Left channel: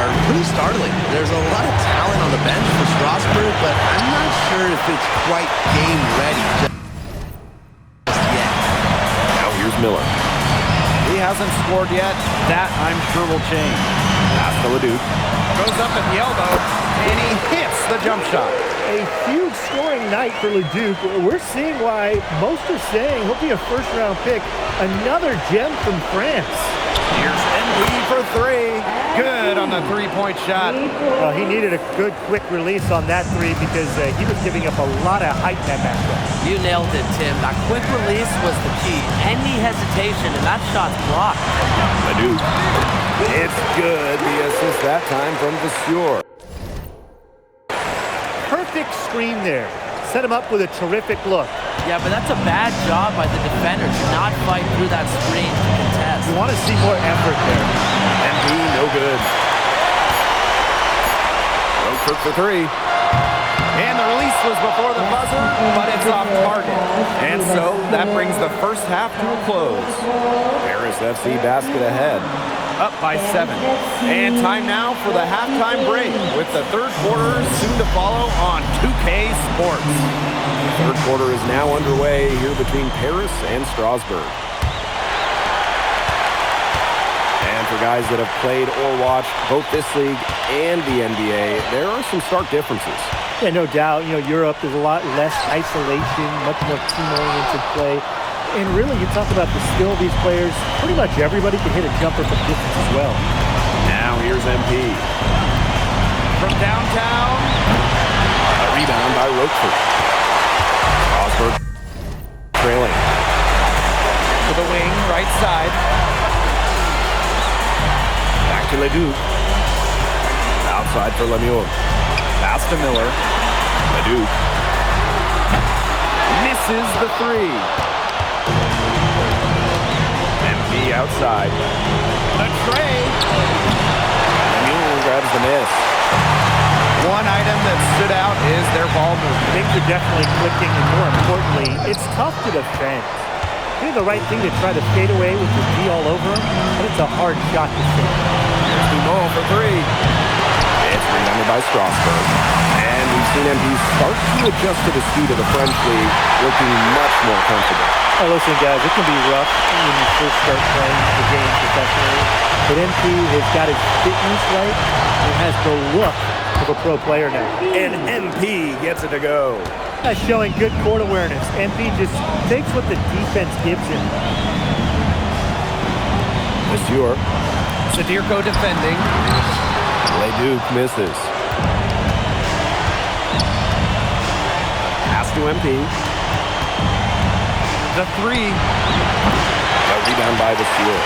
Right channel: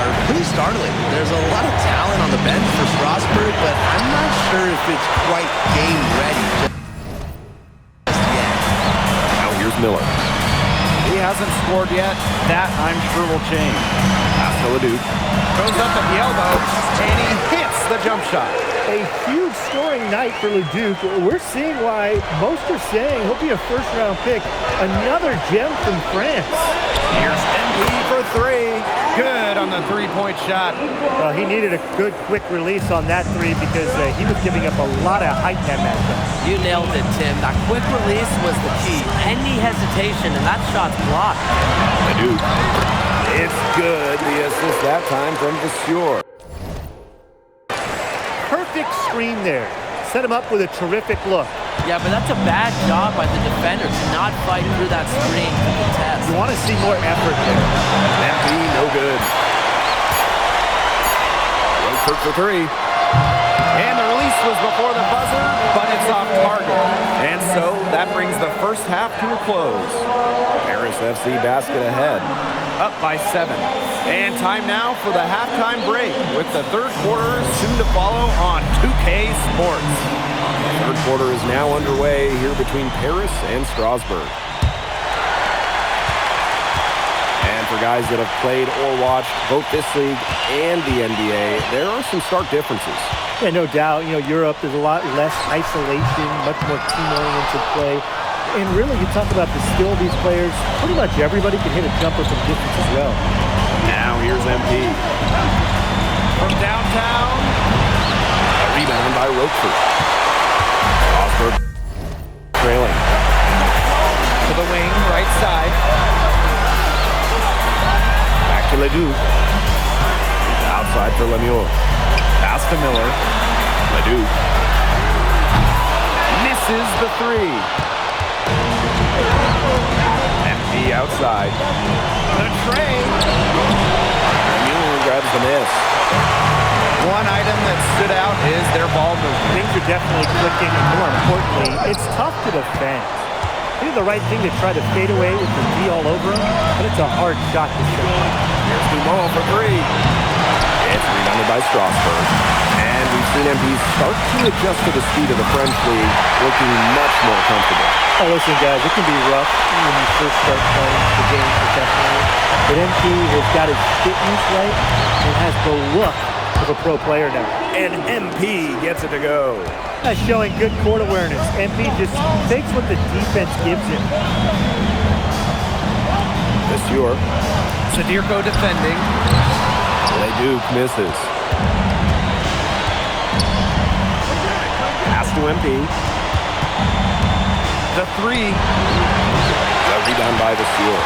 are pretty startling. There's a lot of talent on the bench for Strasburg, but I'm not sure if it's quite game ready just yet. Now here's Miller. He hasn't scored yet. That, I'm sure, will change. Pass to LeDuc. Goes up at the elbow, and he hits the jump shot. A huge scoring night for LeDuc. We're seeing why most are saying he'll be a first-round pick. Another gem from France. Here's MP for three. Good on the three-point shot. Well, he needed a good, quick release on that three because he was giving up a lot of height in that matchup. You nailed it, Tim. That quick release was the key. Any hesitation, and that shot's blocked. LeDuc. It's good. The assist that time from Vasseur. Perfect screen there. Set him up with a terrific look. Yeah, but that's a bad job by the defender to not fight through that screen to contest. You want to see more effort there. MP, no good. Roquefort for three. And the release was before the buzzer, but it's off target. And so that brings the first half to a close. Paris FC basket ahead. Up by 7. And time now for the halftime break with the third quarter soon to follow on 2K Sports. The third quarter is now underway here between Paris and Strasburg. And for guys that have played or watched both this league and the NBA, there are some stark differences. Yeah, no doubt. You know, Europe, there's a lot less isolation, much more team-oriented play. And really, you talk about the skill of these players, pretty much everybody can hit a jumper from distance as well. Now here's MP. From downtown. A rebound by Roquefort. Strasburg trailing. To the wing, right side. Back to LeDuc. Outside for Lemieux. Pass to Miller. LeDuc. Misses the three. MP outside. The tray. Lemieux grabs the miss. One item that stood out is their ball movement. Things are definitely clicking, and more importantly, it's tough to defend. He did the right thing to try to fade away with the D all over him, but it's a hard shot to sink. Here's Dumont for three. It's rebounded by Strasburg. And we've seen MP start to adjust to the speed of the French league, looking much more comfortable. Oh, listen, guys, it can be rough when you first start playing the game professionally. But MP has got his fitness right and has the look of a pro player now. And MP gets it to go. That's showing good court awareness. MP just takes what the defense gives him. Vasseur. Sadirko defending. LeDuc misses. Pass to MP. The three. The rebound by Vasseur.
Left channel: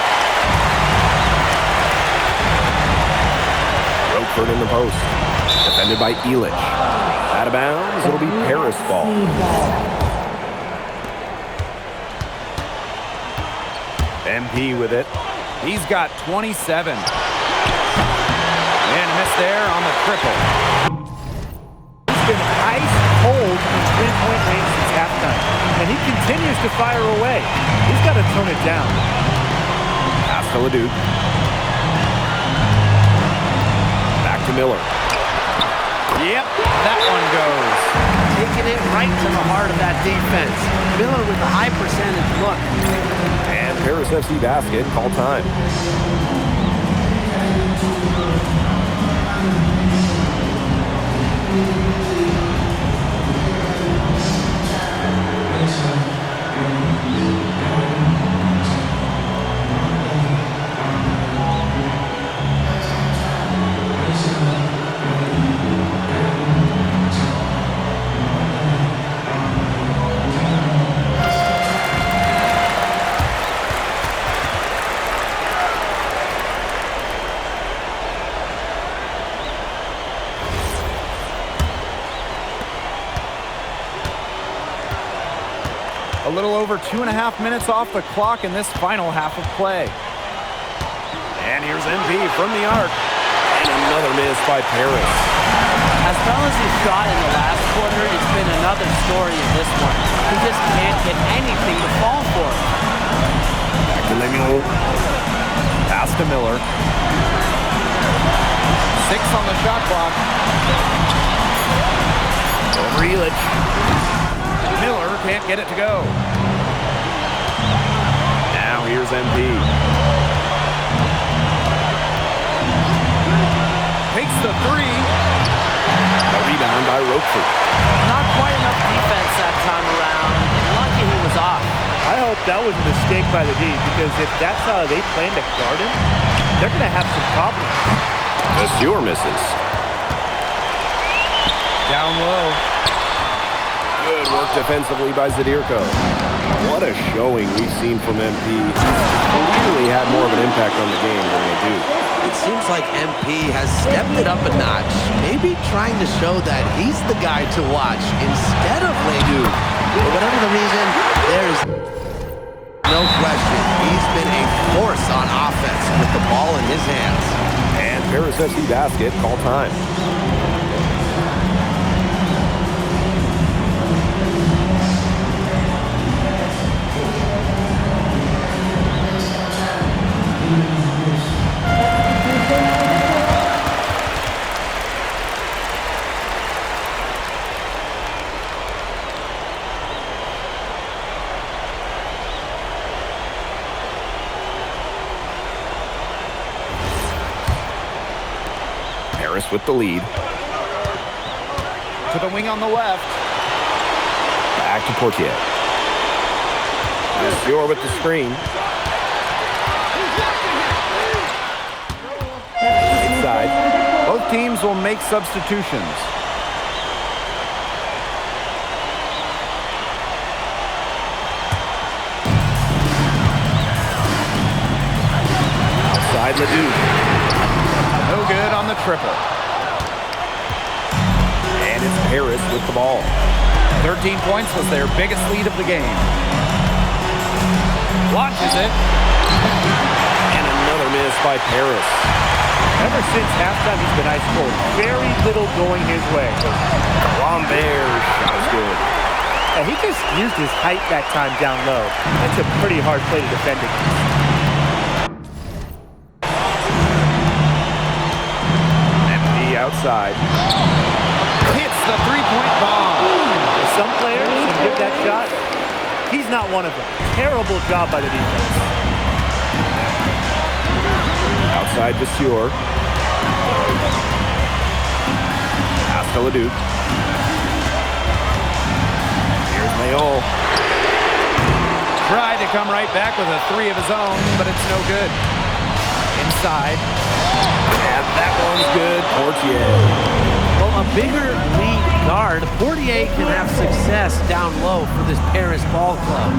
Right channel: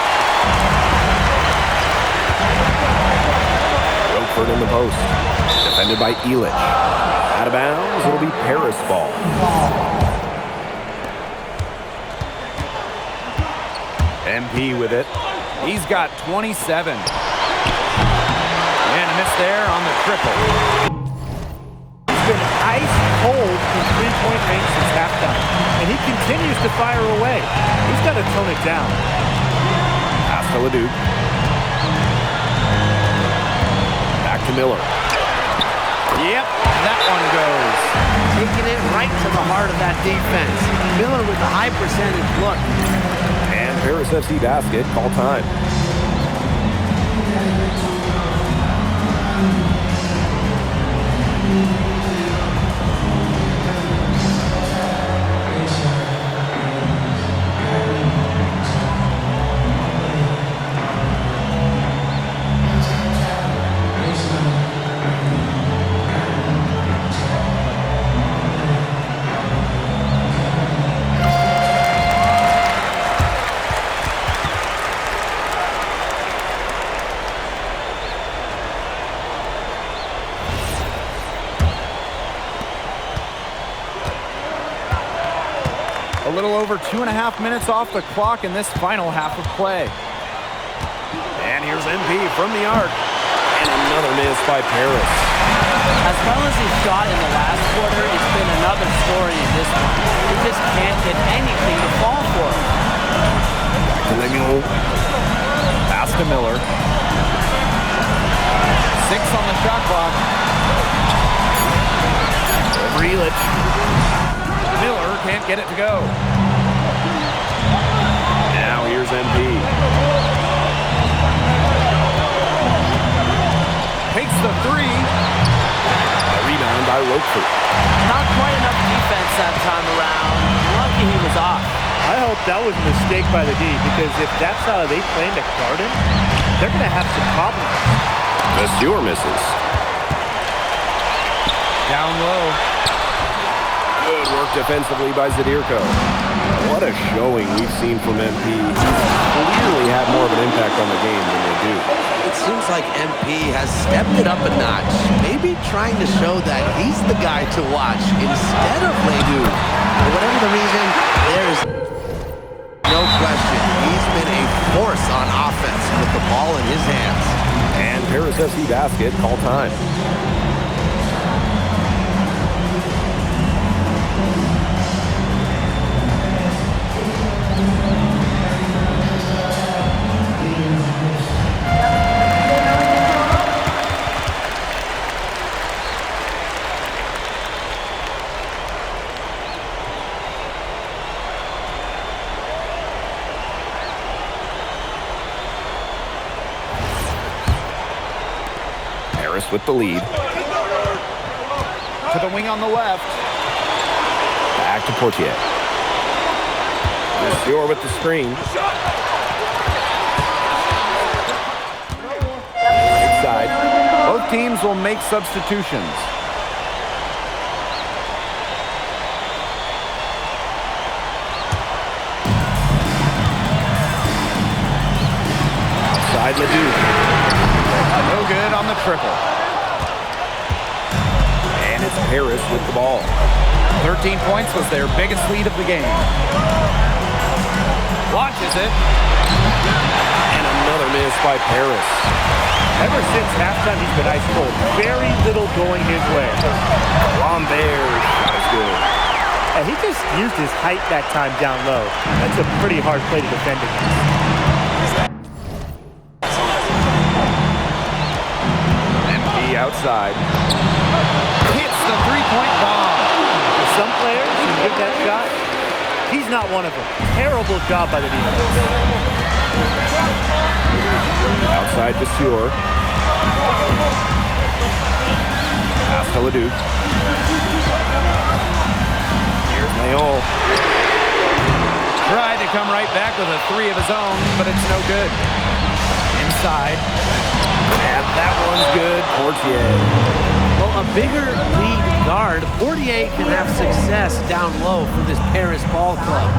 Roquefort in the post. Defended by Illich. Out of bounds, it'll be Paris ball. MP with it. He's got 27. And a miss there on the triple. He's been ice cold from three-point range since halftime, and he continues to fire away. He's got to tone it down. Pass to LeDuc. Back to Miller. Yep, that one goes. Taking it right to the heart of that defense. Miller with a high percentage look. And Paris FC basket, call time. A little over 2.5 minutes off the clock in this final half of play. And here's MP from the arc. And another miss by Paris. As well as he shot in the last quarter, it's been another story in this one. He just can't get anything to fall for him. Back to Lemieux. Pass to Miller. 6 on the shot clock. Over Elich. Miller can't get it to go. Now here's MP. Takes the 3. The rebound by Roquefort. Not quite enough defense that time around. Lucky he was off. I hope that was a mistake by the D, because if that's how they plan to guard him, they're going to have some problems. Vasseur misses. Down low. Good work defensively by Zadirko. What a showing we've seen from MP. He's clearly had more of an impact on the game than Ledoux. It seems like MP has stepped it up a notch, maybe trying to show that he's the guy to watch instead of Ledoux. For whatever the reason, there is no question he's been a force on offense with the ball in his hands. And Paris FC basket, call time. Paris with the lead. To the wing on the left. Back to Portier. Vasseur with the screen. Inside. Both teams will make substitutions. Outside Ledoux. No good on the triple. And it's Paris with the ball. 13 points was their biggest lead of the game. Launches it. And another miss by Paris. Ever since halftime, he's been ice cold. Very little going his way. Lambert shot is good. And he just used his height that time down low. That's a pretty hard play to defend against. MP outside. Hits the three-point bomb. And some players can give that shot. He's not one of them. Terrible job by the defense. Outside Vasseur. Pass to Ledoux. Here's Mayol. Tried to come right back with a 3 of his own, but it's no good. Inside. And that one's good. Portier. Well, a bigger lead guard, Portier can have success down low for this Paris ball club.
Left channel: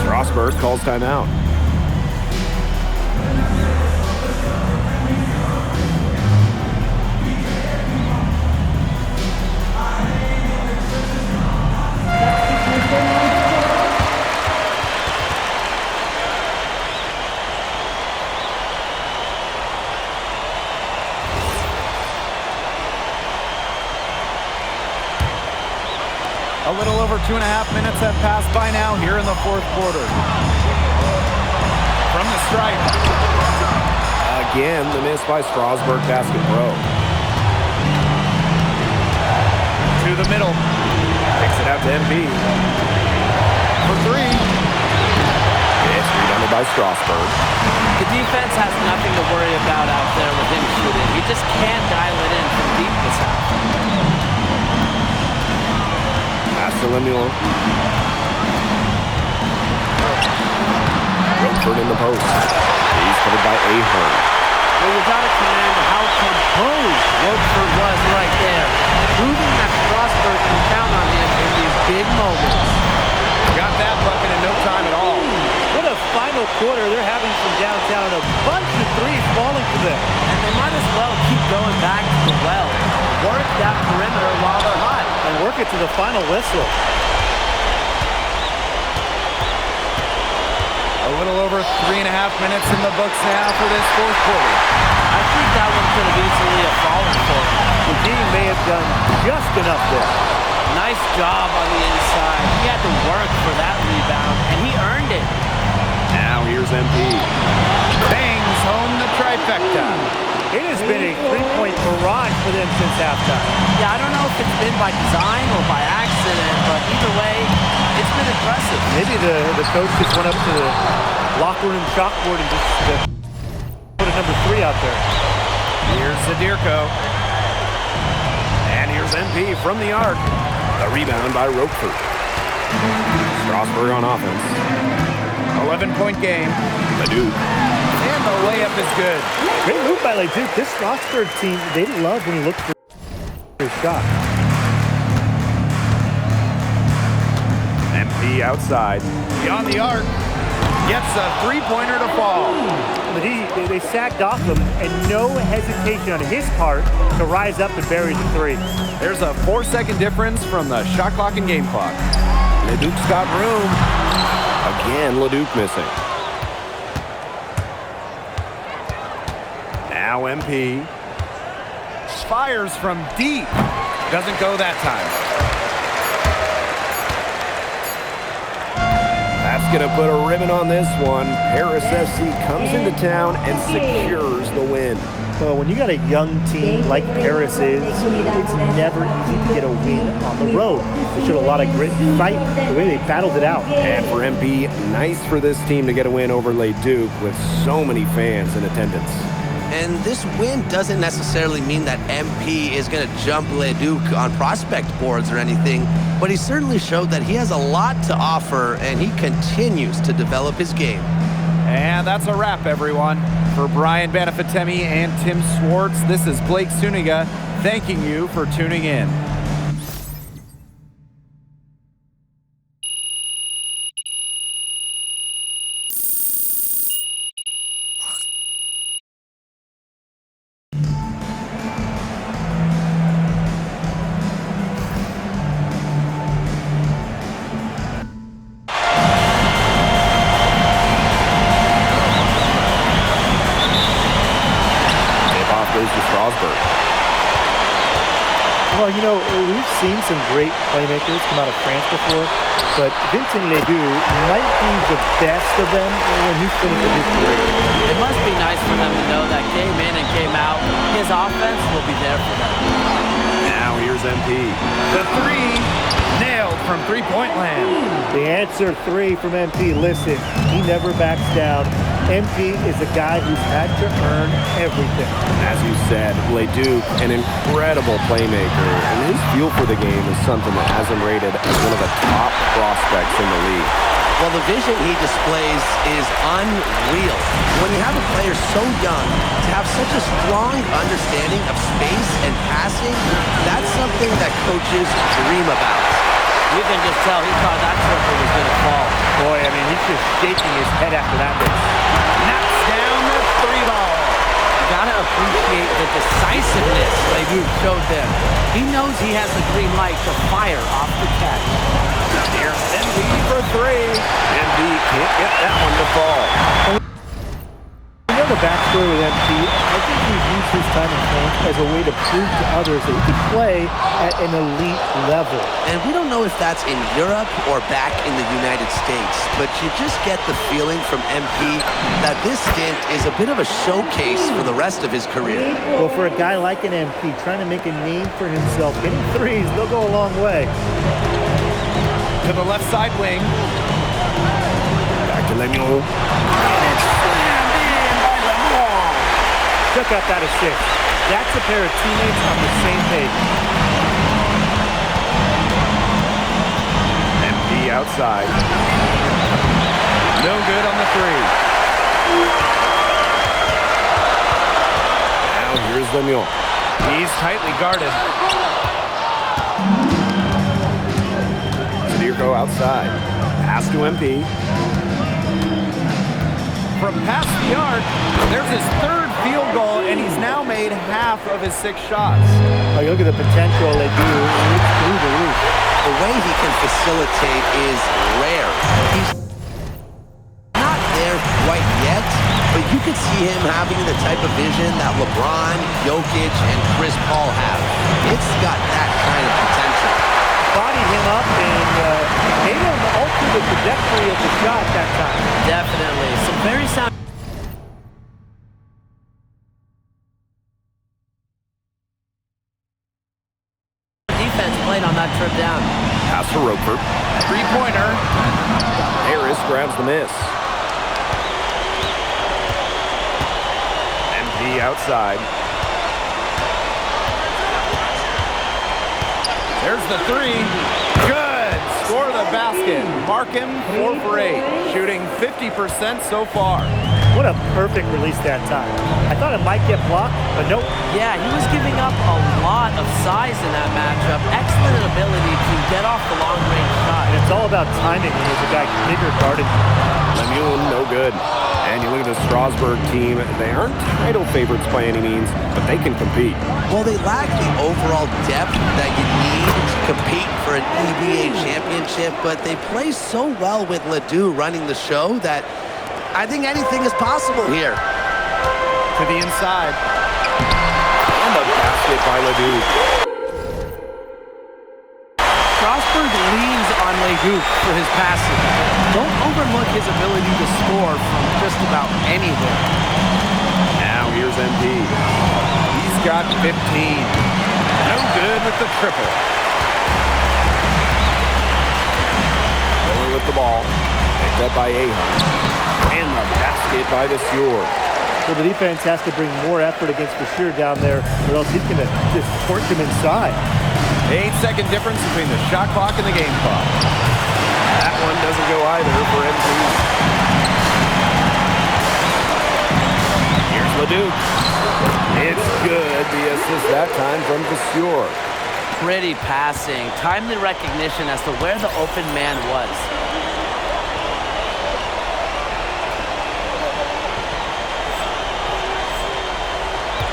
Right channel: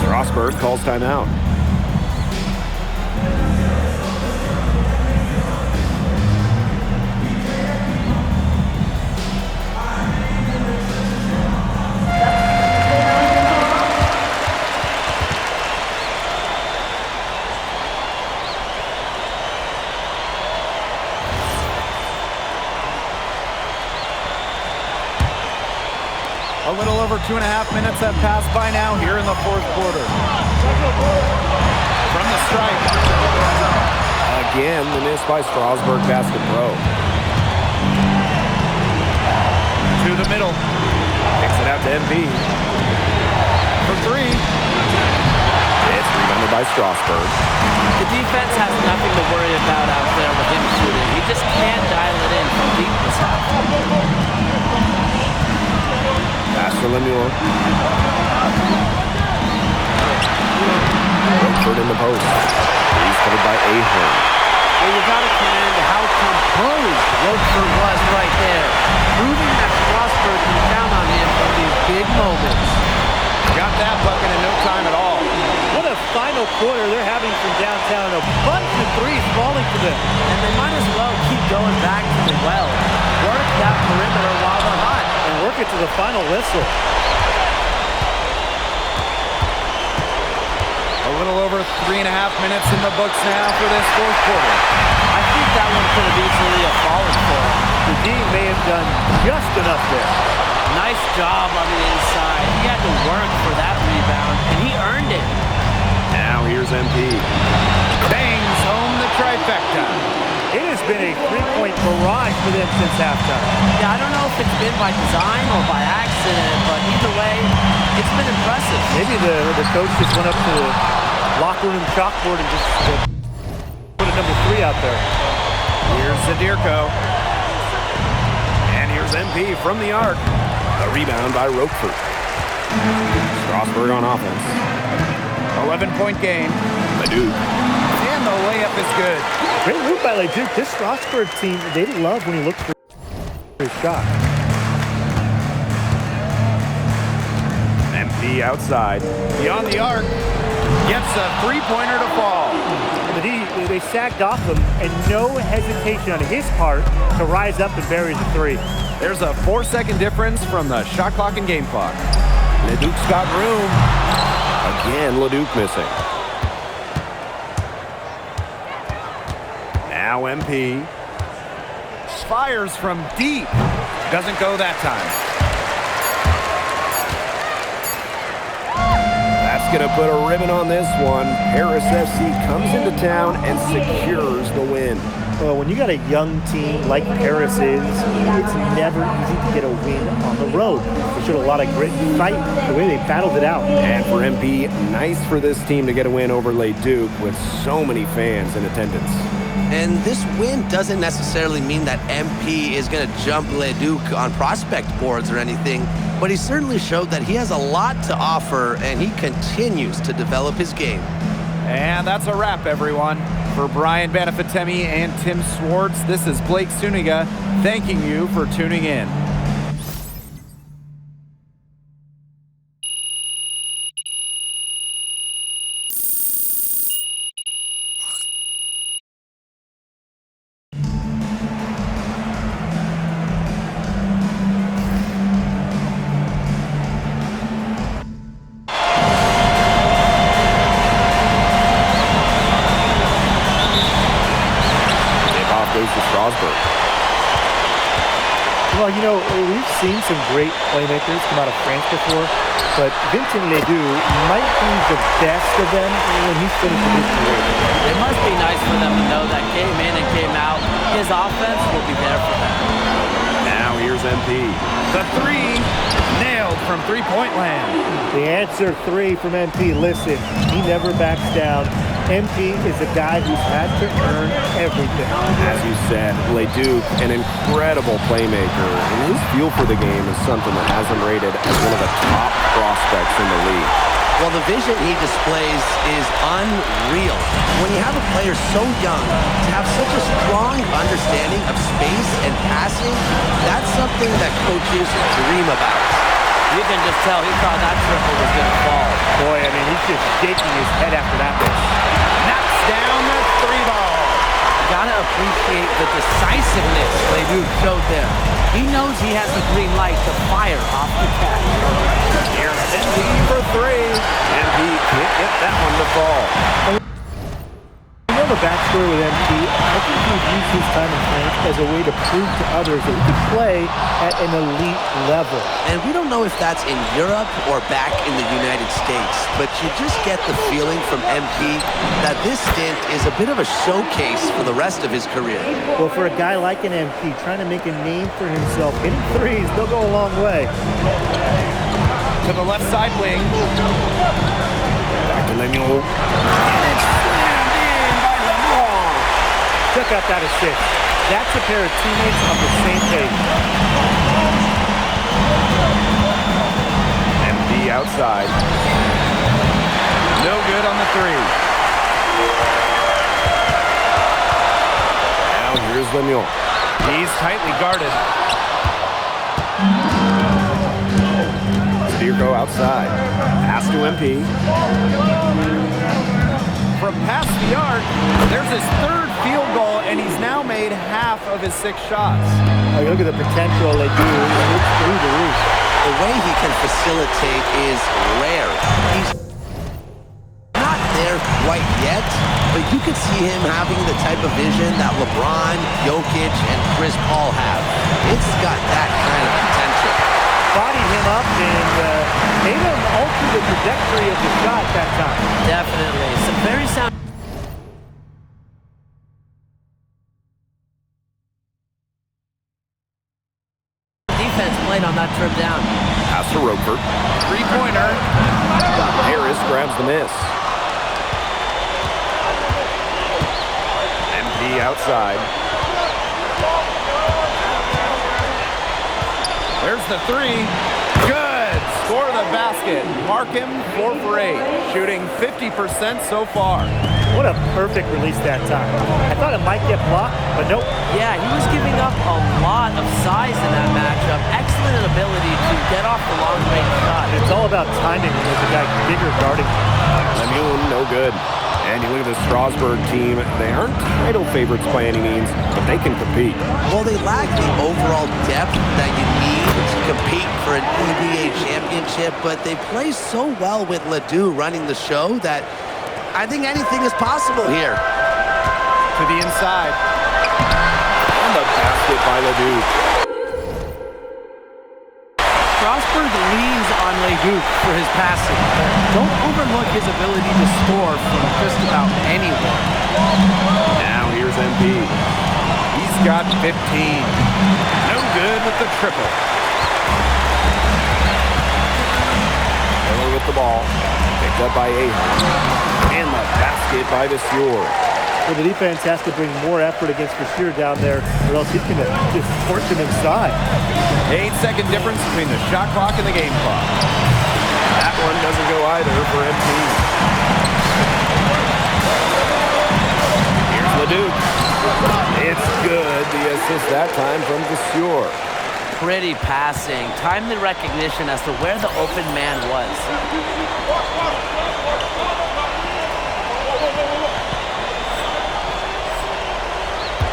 Strasburg calls timeout. A little over 2.5 minutes have passed by now here in the fourth quarter. From the stripe. Again, the miss by Strasburg Basket Pro. To the middle. Kicks it out to MP. For 3. It's rebounded by Strasburg. The defense has nothing to worry about out there with him shooting. He just can't dial it in from deep this half. Pass to Lemuel. Roquefort in the post. He's covered by Ahern. Well, you got to commend how composed Roquefort was right there, proving that Strasburg can count on him in these big moments. Got that bucket in no time at all. What a final quarter they're having from downtown. A bunch of threes falling for them. And they might as well keep going back to the well. Work that perimeter while they're hot. And work it to the final whistle. A little over 3.5 minutes in the books now for this fourth quarter. I think that one could have easily have fallen for him. The team may have done just enough there. Nice job on the inside. He had to work for that rebound, and he earned it. Now here's MP. Bangs home the trifecta. It has been a three-point barrage for them since halftime. Yeah, I don't know if it's been by design or by accident, but either way, it's been impressive. Maybe the coach just went up to the locker room chalkboard and just put a number 3 out there. Here's Zadirko. And here's MP from the arc. The rebound by Roquefort. Strasburg on offense. 11-point game. Leduc. And the layup is good. Great move by Leduc. This Strasburg team, they love when he looks for his shot. MP outside. Beyond the arc. Gets a three-pointer to fall. But they sagged off him, and no hesitation on his part to rise up and bury the 3. There's a 4-second difference from the shot clock and game clock. Leduc's got room. Again, Leduc missing. Now MP. Fires from deep. Doesn't go that time. That's going to put a ribbon on this one. Paris FC comes into town and secures the win. Well, when you got a young team like Paris is, it's never easy to get a win on the road. They showed a lot of grit and fight, the way they battled it out. And for MP, nice for this team to get a win over Leduc with so many fans in attendance. And this win doesn't necessarily mean that MP is going to jump Leduc on prospect boards or anything, but he certainly showed that he has a lot to offer, and he continues to develop his game. And that's a wrap, everyone. For Brian Banafitemi and Tim Swartz, this is Blake Suniga thanking you for tuning in. Off goes to Strasburg. Well, you know, we've seen some great playmakers come out of France before, but Vincent Ledoux might be the best of them when he's finished with his career. It must be nice for them to know that game in and game out, his offense will be there for them. Now here's MP. The 3 nailed from three-point land. The answer 3 from MP. Listen, he never backs down. MP is a guy who's had to earn everything. As you said, Leduc, an incredible playmaker, and his feel for the game is something that has him rated as one of the top prospects in the league. Well, the vision he displays is unreal. When you have a player so young, to have such a strong understanding of space and passing, that's something that coaches dream about. You can just tell he thought that triple was going to fall. Boy, I mean, he's just shaking his head after that miss. Knocks down the 3-ball. You got to appreciate the decisiveness Ledoux showed there. He knows he has the green light to fire off the catch. Here's MP for 3. MP can't get that one to fall. You know the backstory with MP, I think he's used his time in France as a way to prove to others that he could play at an elite level. And we don't know if that's in Europe or back in the United States, but you just get the feeling from MP that this stint is a bit of a showcase for the rest of his career. Well, for a guy like an MP trying to make a name for himself, hitting threes, they'll go a long way. To the left side wing. Back to Lemieux. And it's slammed in by Lemieux. Check out that assist. That's a pair of teammates on the same page. MP outside. No good on the 3. Now here's Lemieux. He's tightly guarded. Zadirko outside. Pass to MP. From past the arc, there's his 3rd field goal, and he's now made half of his 6 shots. Oh, you look at the potential they do. It's through the roof. The way he can facilitate is rare. He's not there quite yet, but you could see him having the type of vision that LeBron, Jokic, and Chris Paul have. It's got that kind of potential. Bodied him up and made him alter the trajectory of the shot that time. Definitely. Some very sound defense played on that trip down. Pass to Roquefort. Three-pointer. Harris grabs the miss. MP outside. There's the three. Good. Score the basket. Mark him 4 for 8. Shooting 50% so far. What a perfect release that time. I thought it might get blocked, but nope. Yeah, he was giving up a lot of size in that matchup. Excellent ability to get off the long-range shot. And it's all about timing when there's a guy bigger guarding you. Lemoon, no good. And you look at the Strasburg team, they aren't title favorites by any means, but they can compete. Well, they lack the overall depth that you need to compete for an EBA championship, but they play so well with Ledoux running the show that I think anything is possible here. To the inside. And the basket by Ledoux. Strasburg leans on Ledoux for his passing, but don't overlook his ability to score from just about anywhere. Now here's MP. He's got 15. No good with the triple. Miller with the ball. Picked up by Ahern. And the basket by Vasseur. So the defense has to bring more effort against Vasseur down there, or else he's going to just torch him inside. 8-second difference between the shot clock and the game clock. That one doesn't go either for MP. Here's Ledoux. It's good. The assist that time from Vasseur. Pretty passing, timely recognition as to where the open man was.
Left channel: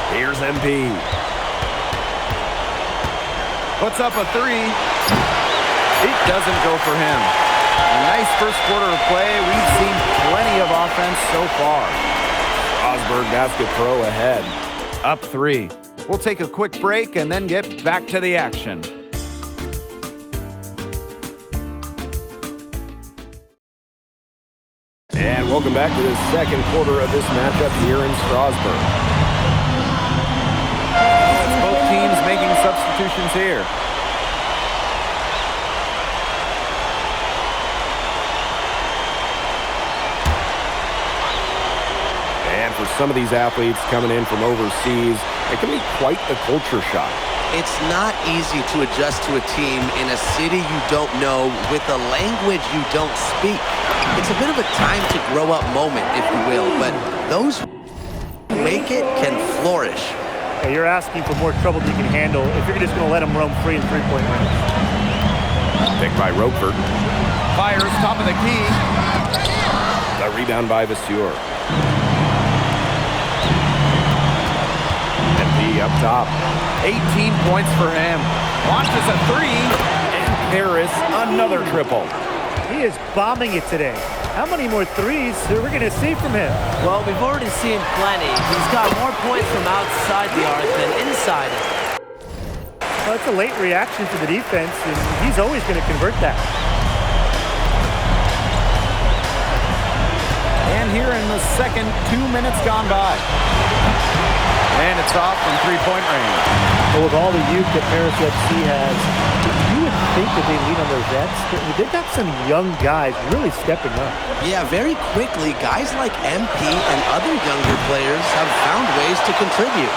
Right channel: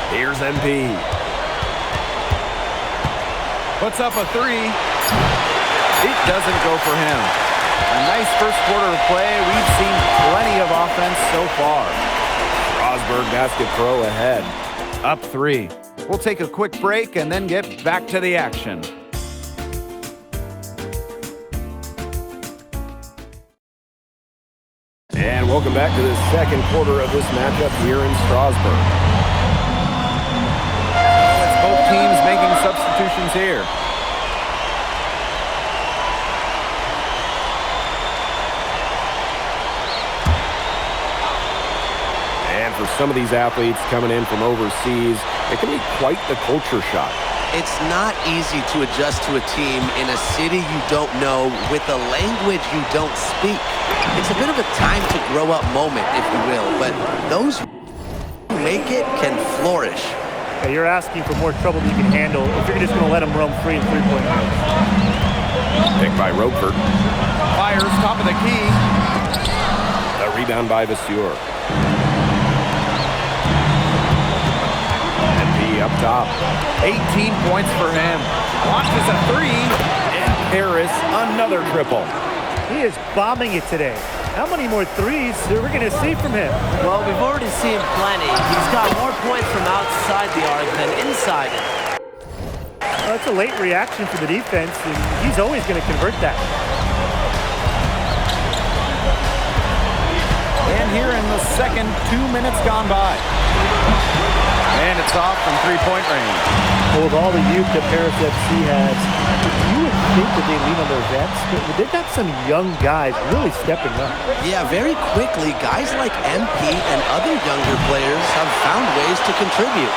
Here's MP. Puts up a three. It doesn't go for him. A nice first quarter of play. We've seen plenty of offense so far. Strasburg Basket Pro ahead. Up 3. We'll take a quick break and then get back to the action. And welcome back to the second quarter of this matchup here in Strasburg. Oh, it's both teams making substitutions here. And for some of these athletes coming in from overseas, it can be quite the culture shock. It's not easy to adjust to a team in a city you don't know with a language you don't speak. It's a bit of a time to grow up moment, if you will, but those who make it can flourish. Yeah, you're asking for more trouble than you can handle if you're just going to let them roam free in three-point range. Picked by Roquefort. Fires top of the key. The rebound by Vasseur. MP up top. 18 points for him. Launches a three. And Harris, another triple. He is bombing it today. How many more threes are we going to see from him? Well, we've already seen plenty. He's got more points from outside the arc than inside it. Well, that's a late reaction for the defense, and he's always going to convert that. And here in the second, 2 minutes gone by. And it's off from three-point range. Well, with all the youth that Paris FC has, you would think that they lean on their vets, but they've got some young guys really stepping up. Yeah, very quickly, guys like MP and other younger players have found ways to contribute.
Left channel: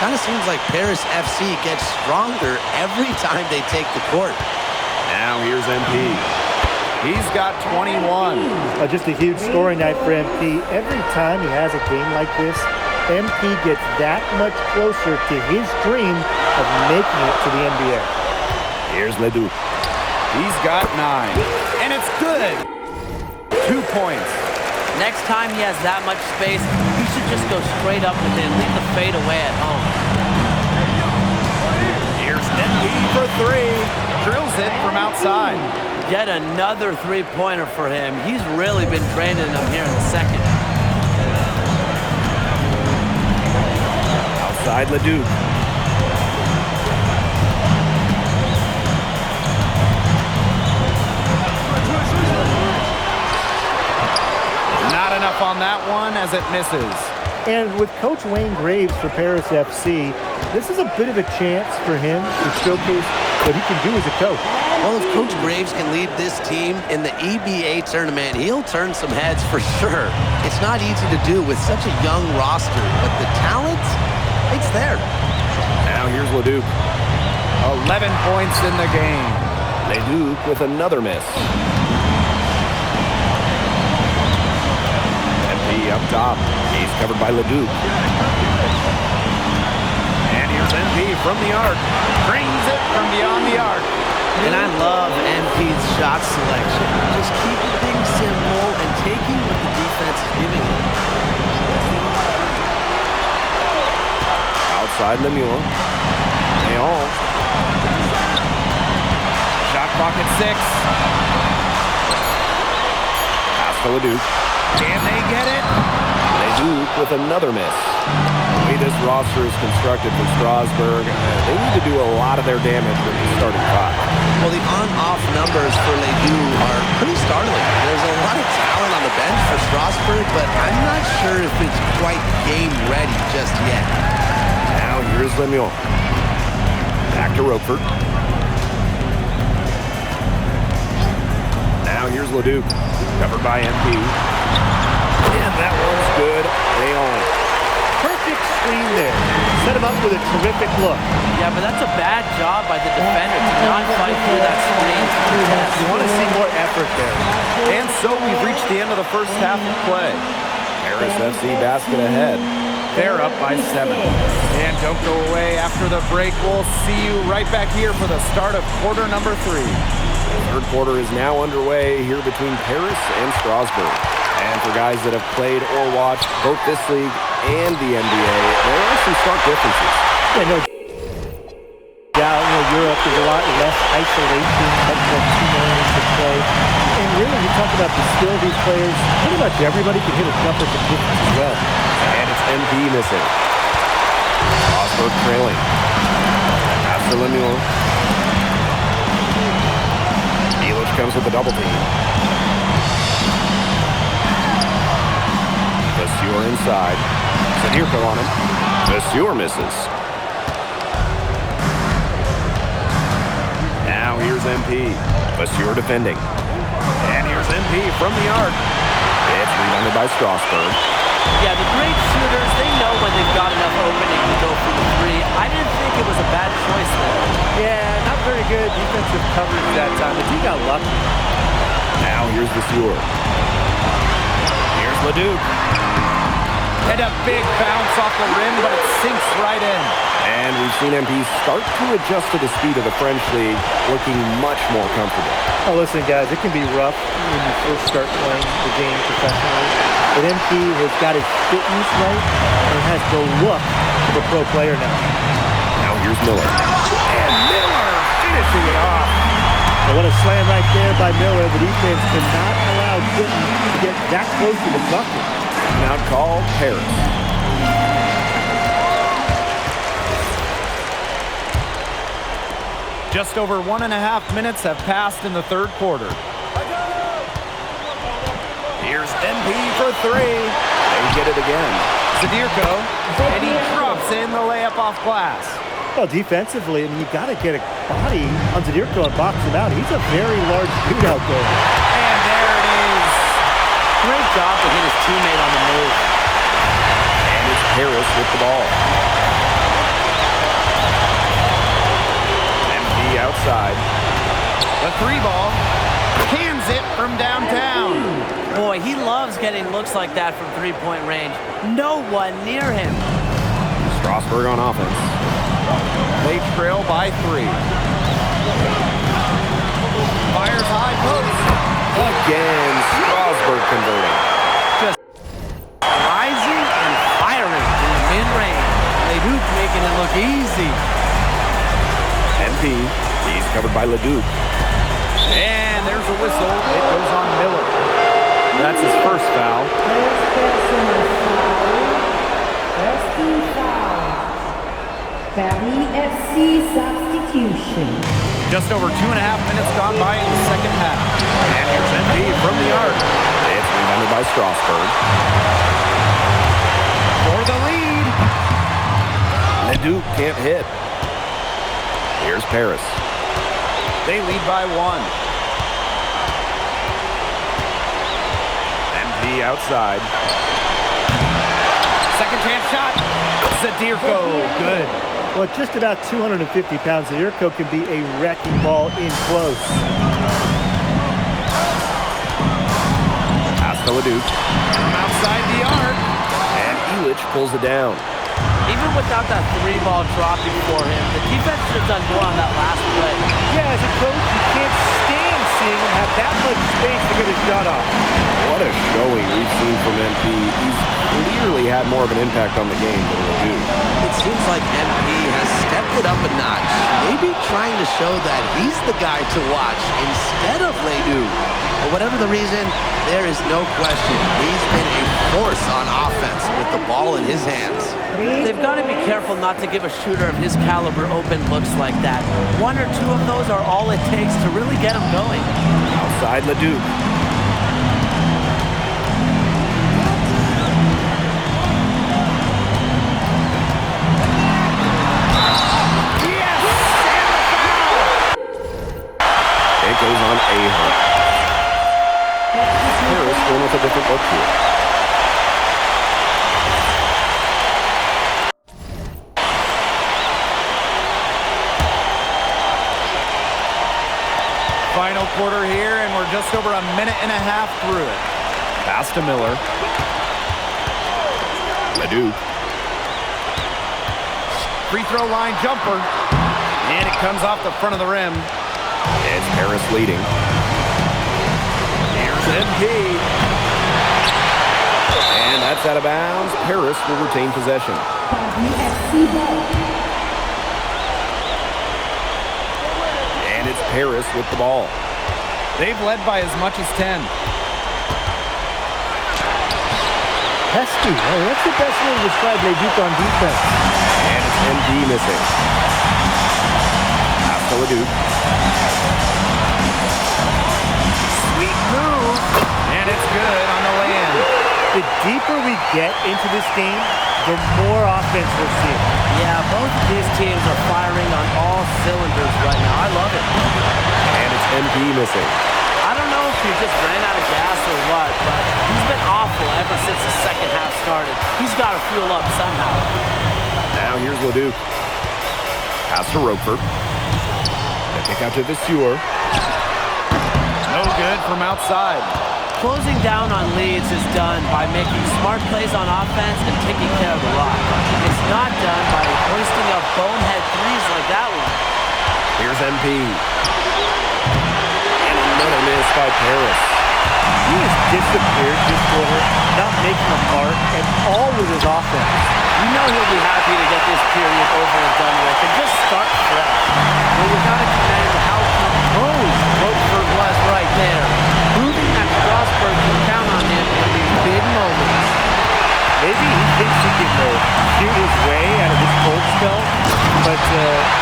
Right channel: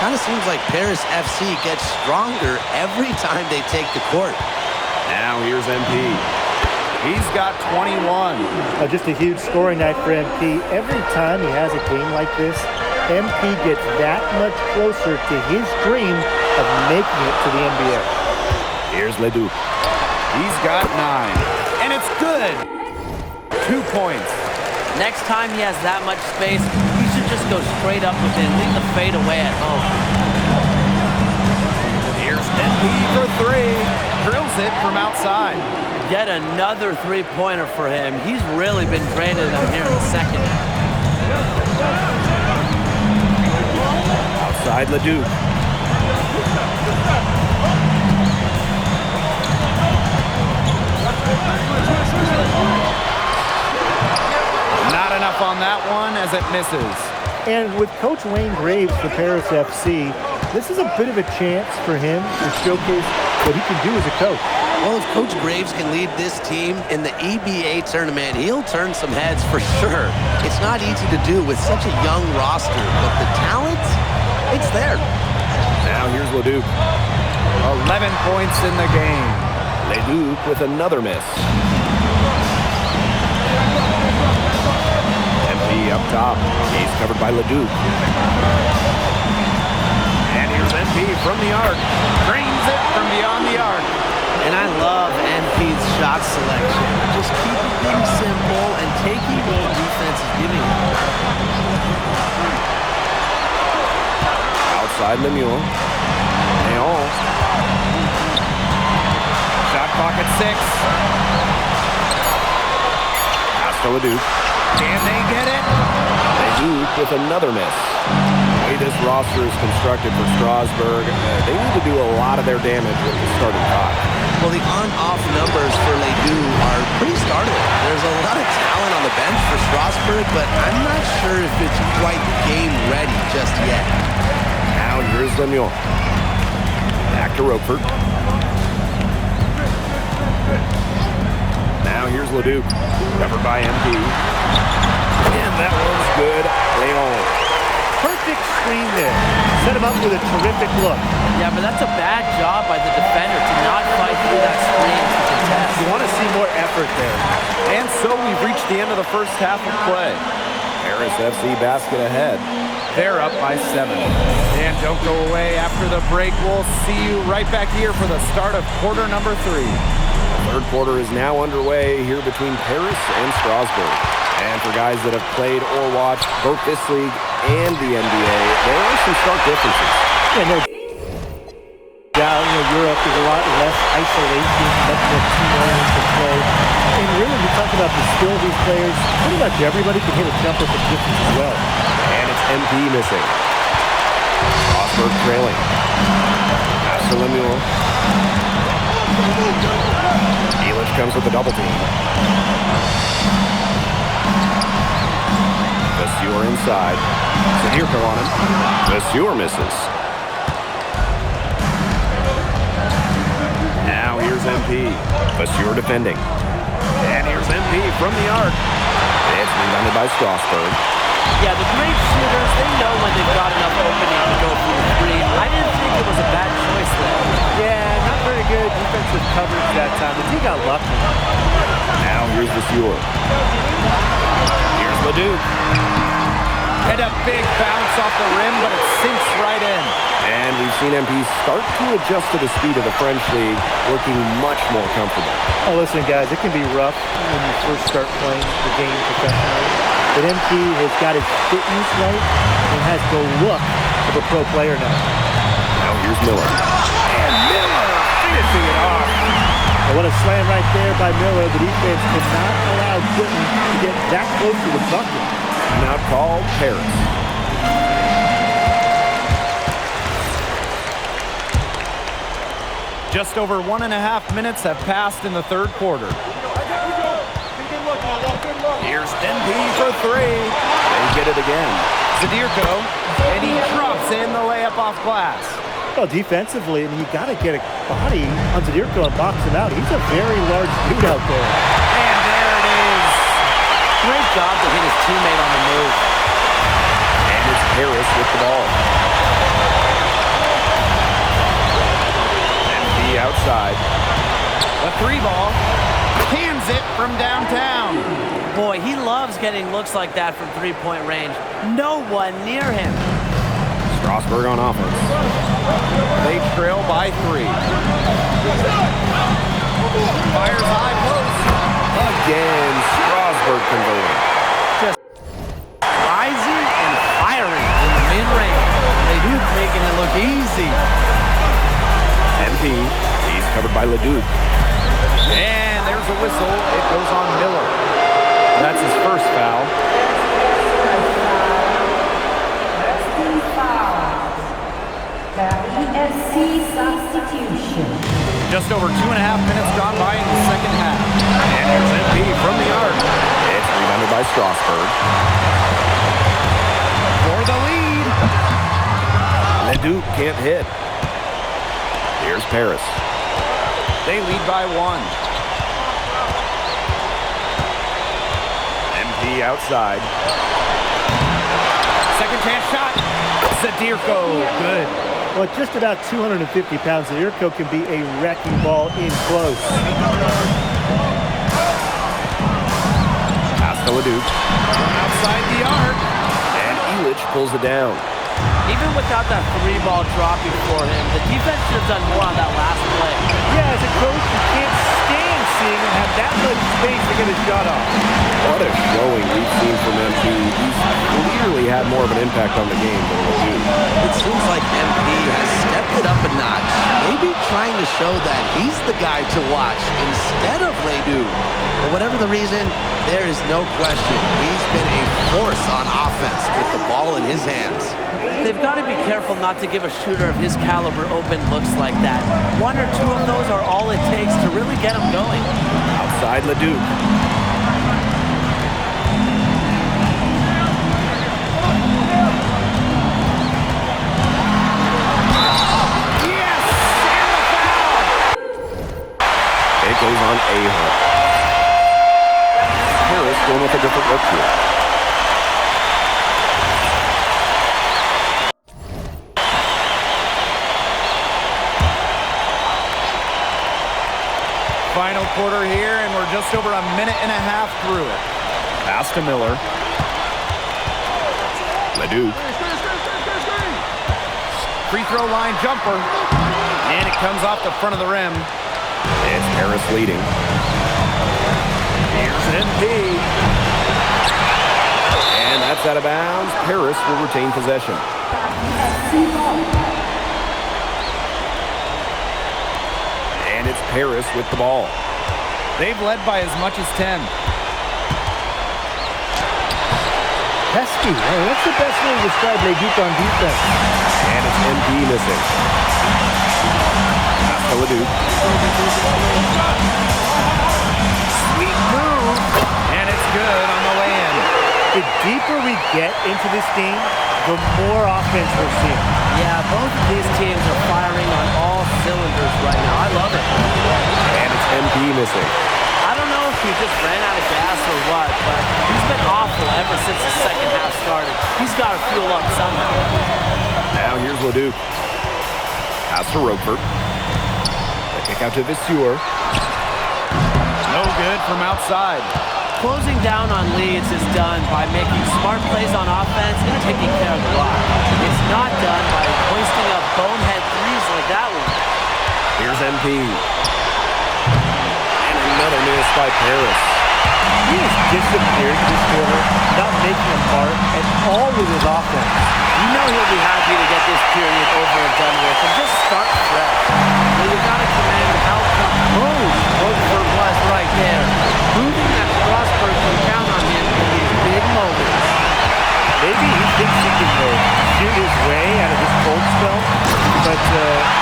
Kind of seems like Paris FC gets stronger every time they take the court. Now here's MP. He's got 21. Just a huge scoring night for MP. Every time he has a game like this, MP gets that much closer to his dream of making it to the NBA. Here's Ledoux. He's got 9. And it's good. 2 points. Next time he has that much space, he should just go straight up with it and leave the fade away at home. Here's MP for 3. Drills it from outside. Yet another three-pointer for him. He's really been draining them here in the second. Outside Ledoux. Not enough on that one as it misses. And with Coach Wayne Graves for Paris FC, This is a bit of a chance for him to showcase what he can do as a coach. Well, if Coach Graves can lead this team in the EBA tournament, he'll turn some heads for sure. It's not easy to do with such a young roster, but the talent, it's there. Now here's Leduc. 11 points in the game. Leduc with another miss. MP up top. He's covered by Leduc. And here's MP from the arc. Drains it from beyond the arc. And I love MP's shot selection. Just keeping things simple and taking what the defense is giving him. Outside Lemieux. Leon. Shot clock at 6. Pass to Leduc. Can they get it? Leduc with another miss. The way this roster is constructed for Strasburg, they need to do a lot of their damage with the starting 5. Well, the on-off numbers for Ledoux are pretty startling. There's a lot of talent on the bench for Strasburg, but I'm not sure if it's quite game-ready just yet. Now here's Lemieux. Back to Roquefort. Now here's Leduc. Covered by MP. And that one's good. Leon. Perfect screen there. Set him up with a terrific look. Yeah, but that's a bad job by the defender to not fight through that screen to contest. You want to see more effort there. And so we've reached the end of the first half of play. Paris FC basket ahead. They're up by 7. And don't go away after the break. We'll see you right back here for the start of quarter number 3. The third quarter is now underway here between Paris and Strasburg. And for guys that have played or watched both this league and the NBA, there are some stark differences. Yeah, no doubt, Europe is a lot less isolation, much more team-oriented play. And really, you talk about the skill of these players, pretty much everybody can hit a jumper from distance as well. And it's MP missing. Strasburg trailing. Pass to Lemieux. Elic comes with a double team. Vasseur inside. Zadirko on him. Vasseur misses. Now here's MP. Vasseur defending. And here's MP from the arc. It's rebounded by Strasburg. Yeah, the great shooters, they know when they've got enough opening to go for the 3. I didn't think it was a bad choice there. Yeah, not very good defensive coverage that time, but he got lucky. Now here's Vasseur. Here's Leduc. And a big bounce off the rim, but it sinks right in. And we've seen MP start to adjust to the speed of the French league, looking much more comfortable. Oh, listen, guys, it can be rough when you first start playing the game professionally. But MP has got his fitness right and has the look of a pro player now. Now here's Miller. And Miller finishing it off. Well, what a slam right there by Miller. The defense cannot allow Clinton to get that close to the bucket. Now called Paris. Just over 1.5 minutes have passed in the third quarter. Here's MP for 3. They get it again. Zadirko, and he drops in the layup off glass. Well, defensively, I mean, you got to get a body on Zadirko and box him out. He's a very large dude out there. And there it is. Great job to hit his teammate on the move. And it's Paris with the ball. MP outside. The 3 ball. Cans it from downtown. Boy, he loves getting looks like that from three-point range. No one near him. Strasburg on offense. They trail by 3. Fires high post. Again, Strasburg converting. Just rising and firing in the mid-range. Leduc making it look easy. MP, he's covered by Leduc. And there's a whistle. It goes on Miller. That's his first foul. Paris FC substitution. Just over 2.5 minutes gone by in the second half. And here's MP from the arc. It's rebounded by Strasburg. For the lead. Leduc can't hit. Here's Paris. They lead by 1. MP outside. Second chance shot. Zadirko, good. Well, at just about 250 pounds, Zadirko can be a wrecking ball in close. Pass to Leduc. From outside the arc. And Elich pulls it down. Even without that 3-ball dropping for him, the defense should have done more on that last play. Yeah, as a coach, you can't stand seeing him have that much space to get a shot off. What a showing we've seen from MP. He's clearly had more of an impact on the game than Leduc. It seems like MP has stepped it up a notch, maybe trying to show that he's the guy to watch instead of Leduc. For whatever the reason, there is no question he's been a force on offense with the ball in his hands. They've got to be careful not to give a shooter of his caliber open looks like that. 1 or 2 of those are all it takes to really get him going. Outside Leduc. Yes! And the foul! It goes on Ahunt. Paris going with a different look here. Final quarter here, and we're just over a minute and a half through it. Pass to Miller. Leduc. Free throw line jumper. And it comes off the front of the rim. It's Paris leading. Here's MP. And that's out of bounds. Paris will retain possession. WSC ball. And it's Paris with the ball. They've led by as much as 10. Pesky. Oh, that's the best way to describe Leduc on defense. And it's MP missing. Pass to Leduc. Sweet move. And it's good on the way-in. The deeper we get into this game, the more offense we're seeing. Yeah, both of these teams are firing on all cylinders right now. I love it. And it's MP missing. I don't know if he just ran out of gas or what, but he's been awful ever since the second half started. He's got to fuel up somehow. Now here's Leduc. Pass to Roquefort. The kick out to Viseur. No good from outside. Closing down on leads is done by making smart plays on offense and taking care of the rock. It's not done by hoisting up bonehead threes like that one. Here's MP. And another miss by Paris. He has disappeared this quarter, not making a mark at all with his offense. You know he'll be happy to get this period over and done with and just start fresh. Well, you got to commend how composed Roquefort was right there, proving that Strasburg can count on him in these big moments. Maybe he thinks he can shoot his way out of this cold spell, but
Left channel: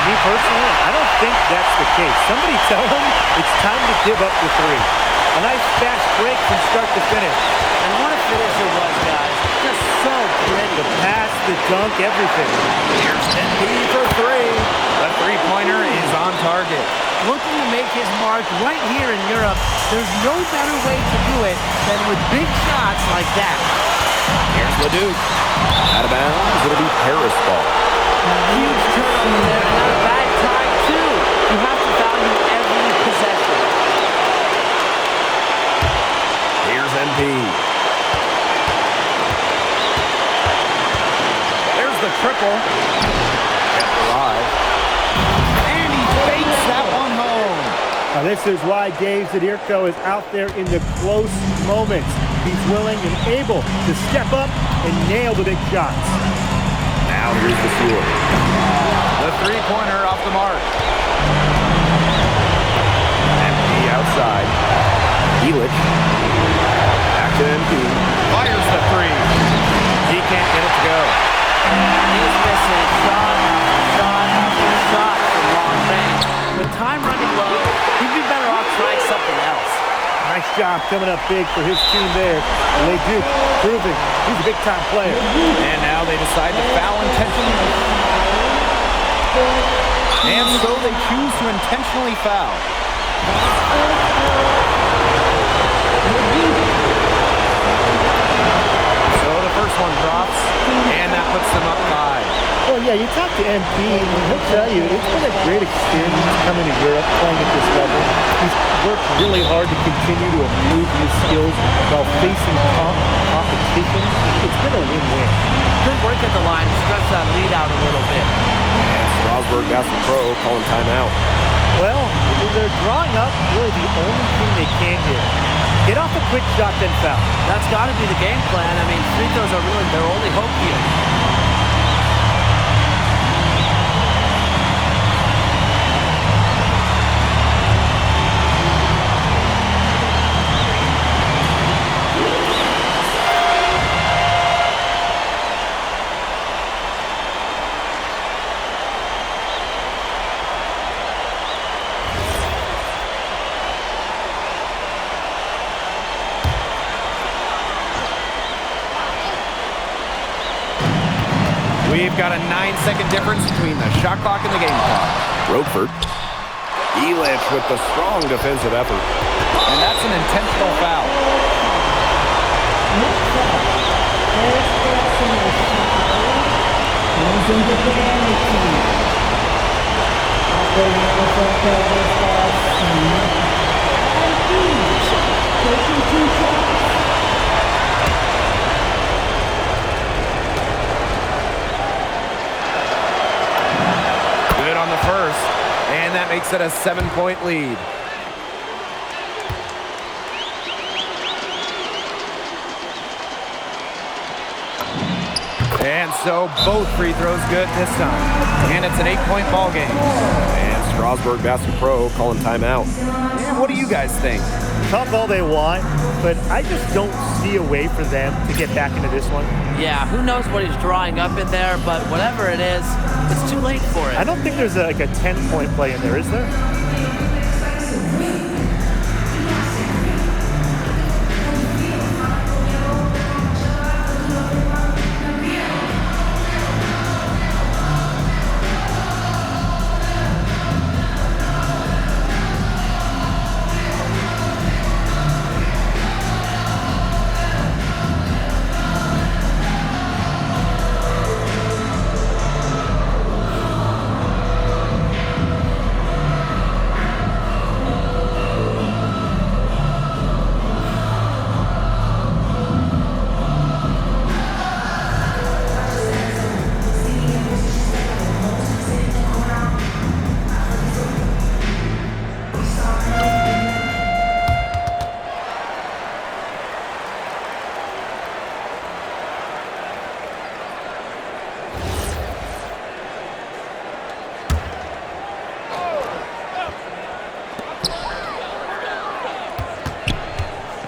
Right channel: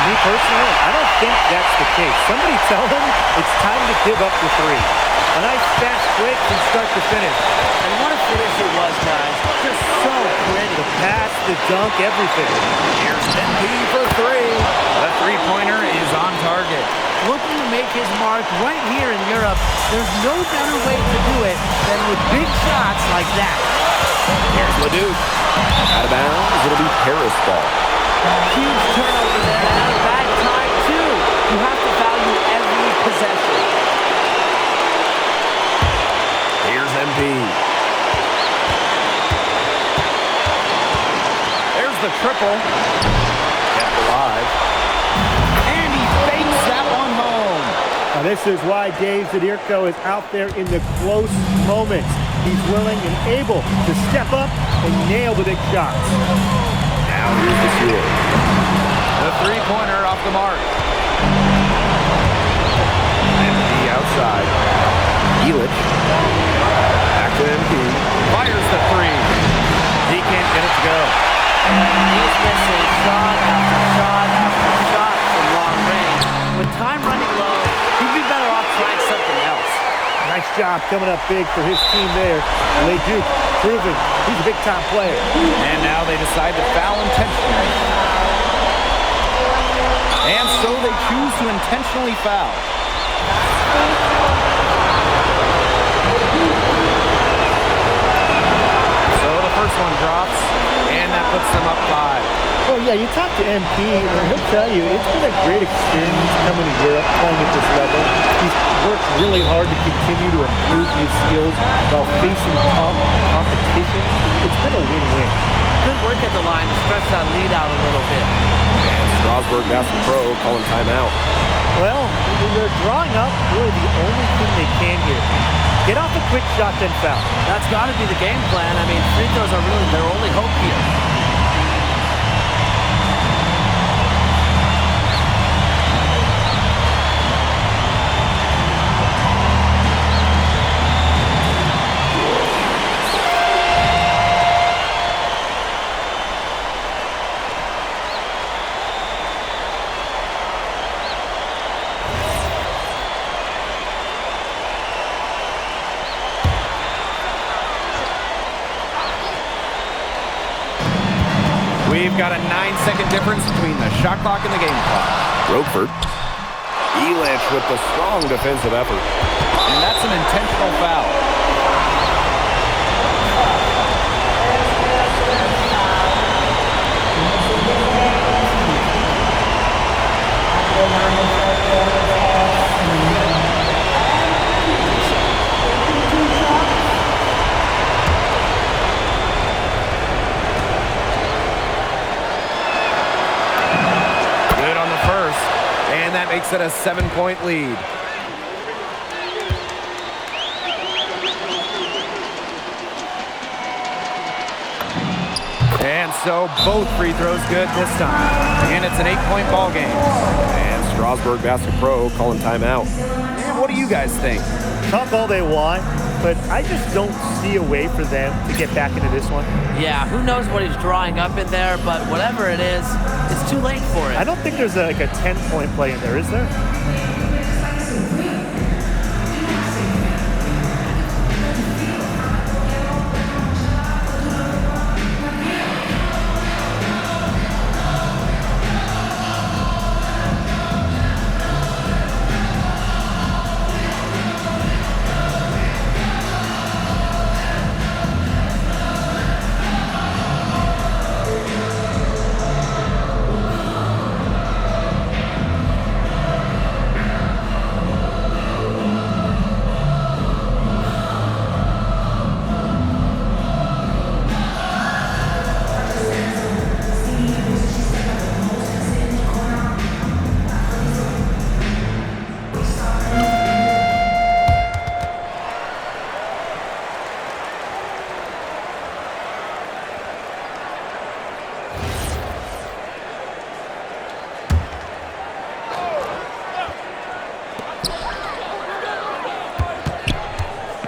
me personally, I don't think that's the case. Somebody tell him it's time to give up the 3. A nice fast break from start to finish. And what a finish it was, guys. Just so pretty. The pass, the dunk, everything. Here's MP for 3. The three-pointer is on target. Looking to make his mark right here in Europe, there's no better way to do it than with big shots like that. Here's Leduc. Out of bounds. It'll be Paris ball. Huge turnover there, and at a bad time, too. You have to value every possession. Here's MP. There's the triple. Kept alive. And he fakes that one home. Now this is why Dave Zadirko is out there in the close moments. He's willing and able to step up and nail the big shots. Now here's Viseur. The three-pointer off the mark. MP outside. Elich. Back to MP. Fires the 3. He can't get it to go. And he's missing shot after shot after shot from long range. With time running low, he'd be better off trying something else. Nice job coming up big for his team there. Leduc proving he's a big-time player. And now they decide to foul intentionally. And so they choose to intentionally foul. So the first one drops, and that puts them up 5. Well, yeah, you talk to MP, and he'll tell you it's been a great experience coming to Europe, playing at this level. He's worked really hard to continue to improve his skills while facing top competition. It's been a win-win. Good work at the line to stretch that lead out a little bit. And Strasburg Basket Pro calling timeout. Well, they're drawing up really the only thing they can here. Get off a quick shot, then foul. That's got to be the game plan. I mean, free throws are really their only hope here. We've got a 9-second difference between the shot clock and the game clock. Roquefort. Elich with the strong defensive effort. And that's an intentional foul. Good on the first, and that makes it a 7-point lead. And so both free throws good this time. And it's an 8-point ball game. And Strasburg Basket Pro calling timeout. And what do you guys think? Talk all they want, but I just don't see a way for them to get back into this one. Yeah, who knows what he's drawing up in there, but whatever it is, it's too late for it. I don't think there's like a 10-point play in there, is there?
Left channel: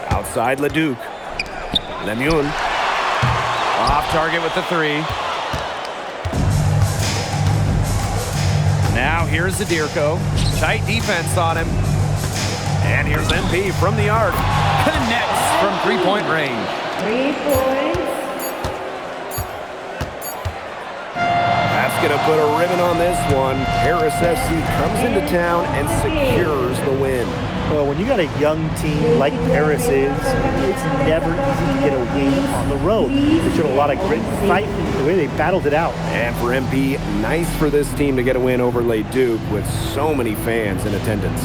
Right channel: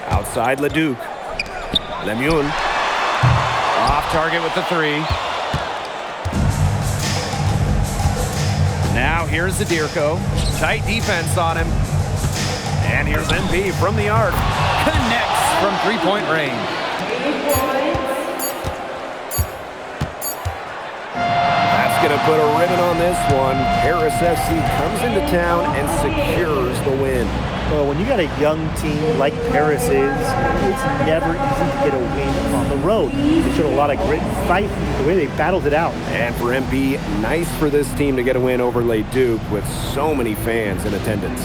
Outside Leduc. Lemoun. Off target with the 3. Now here's Zadirko. Tight defense on him. And here's MP from the arc. Connects from 3-point range. 3 points. That's going to put a ribbon on this one. Paris FC comes into town and secures the win. Well, when you got a young team like Paris is, it's never easy to get a win on the road. They showed a lot of grit and fight, the way they battled it out. And for MP, nice for this team to get a win over Leduc with so many fans in attendance.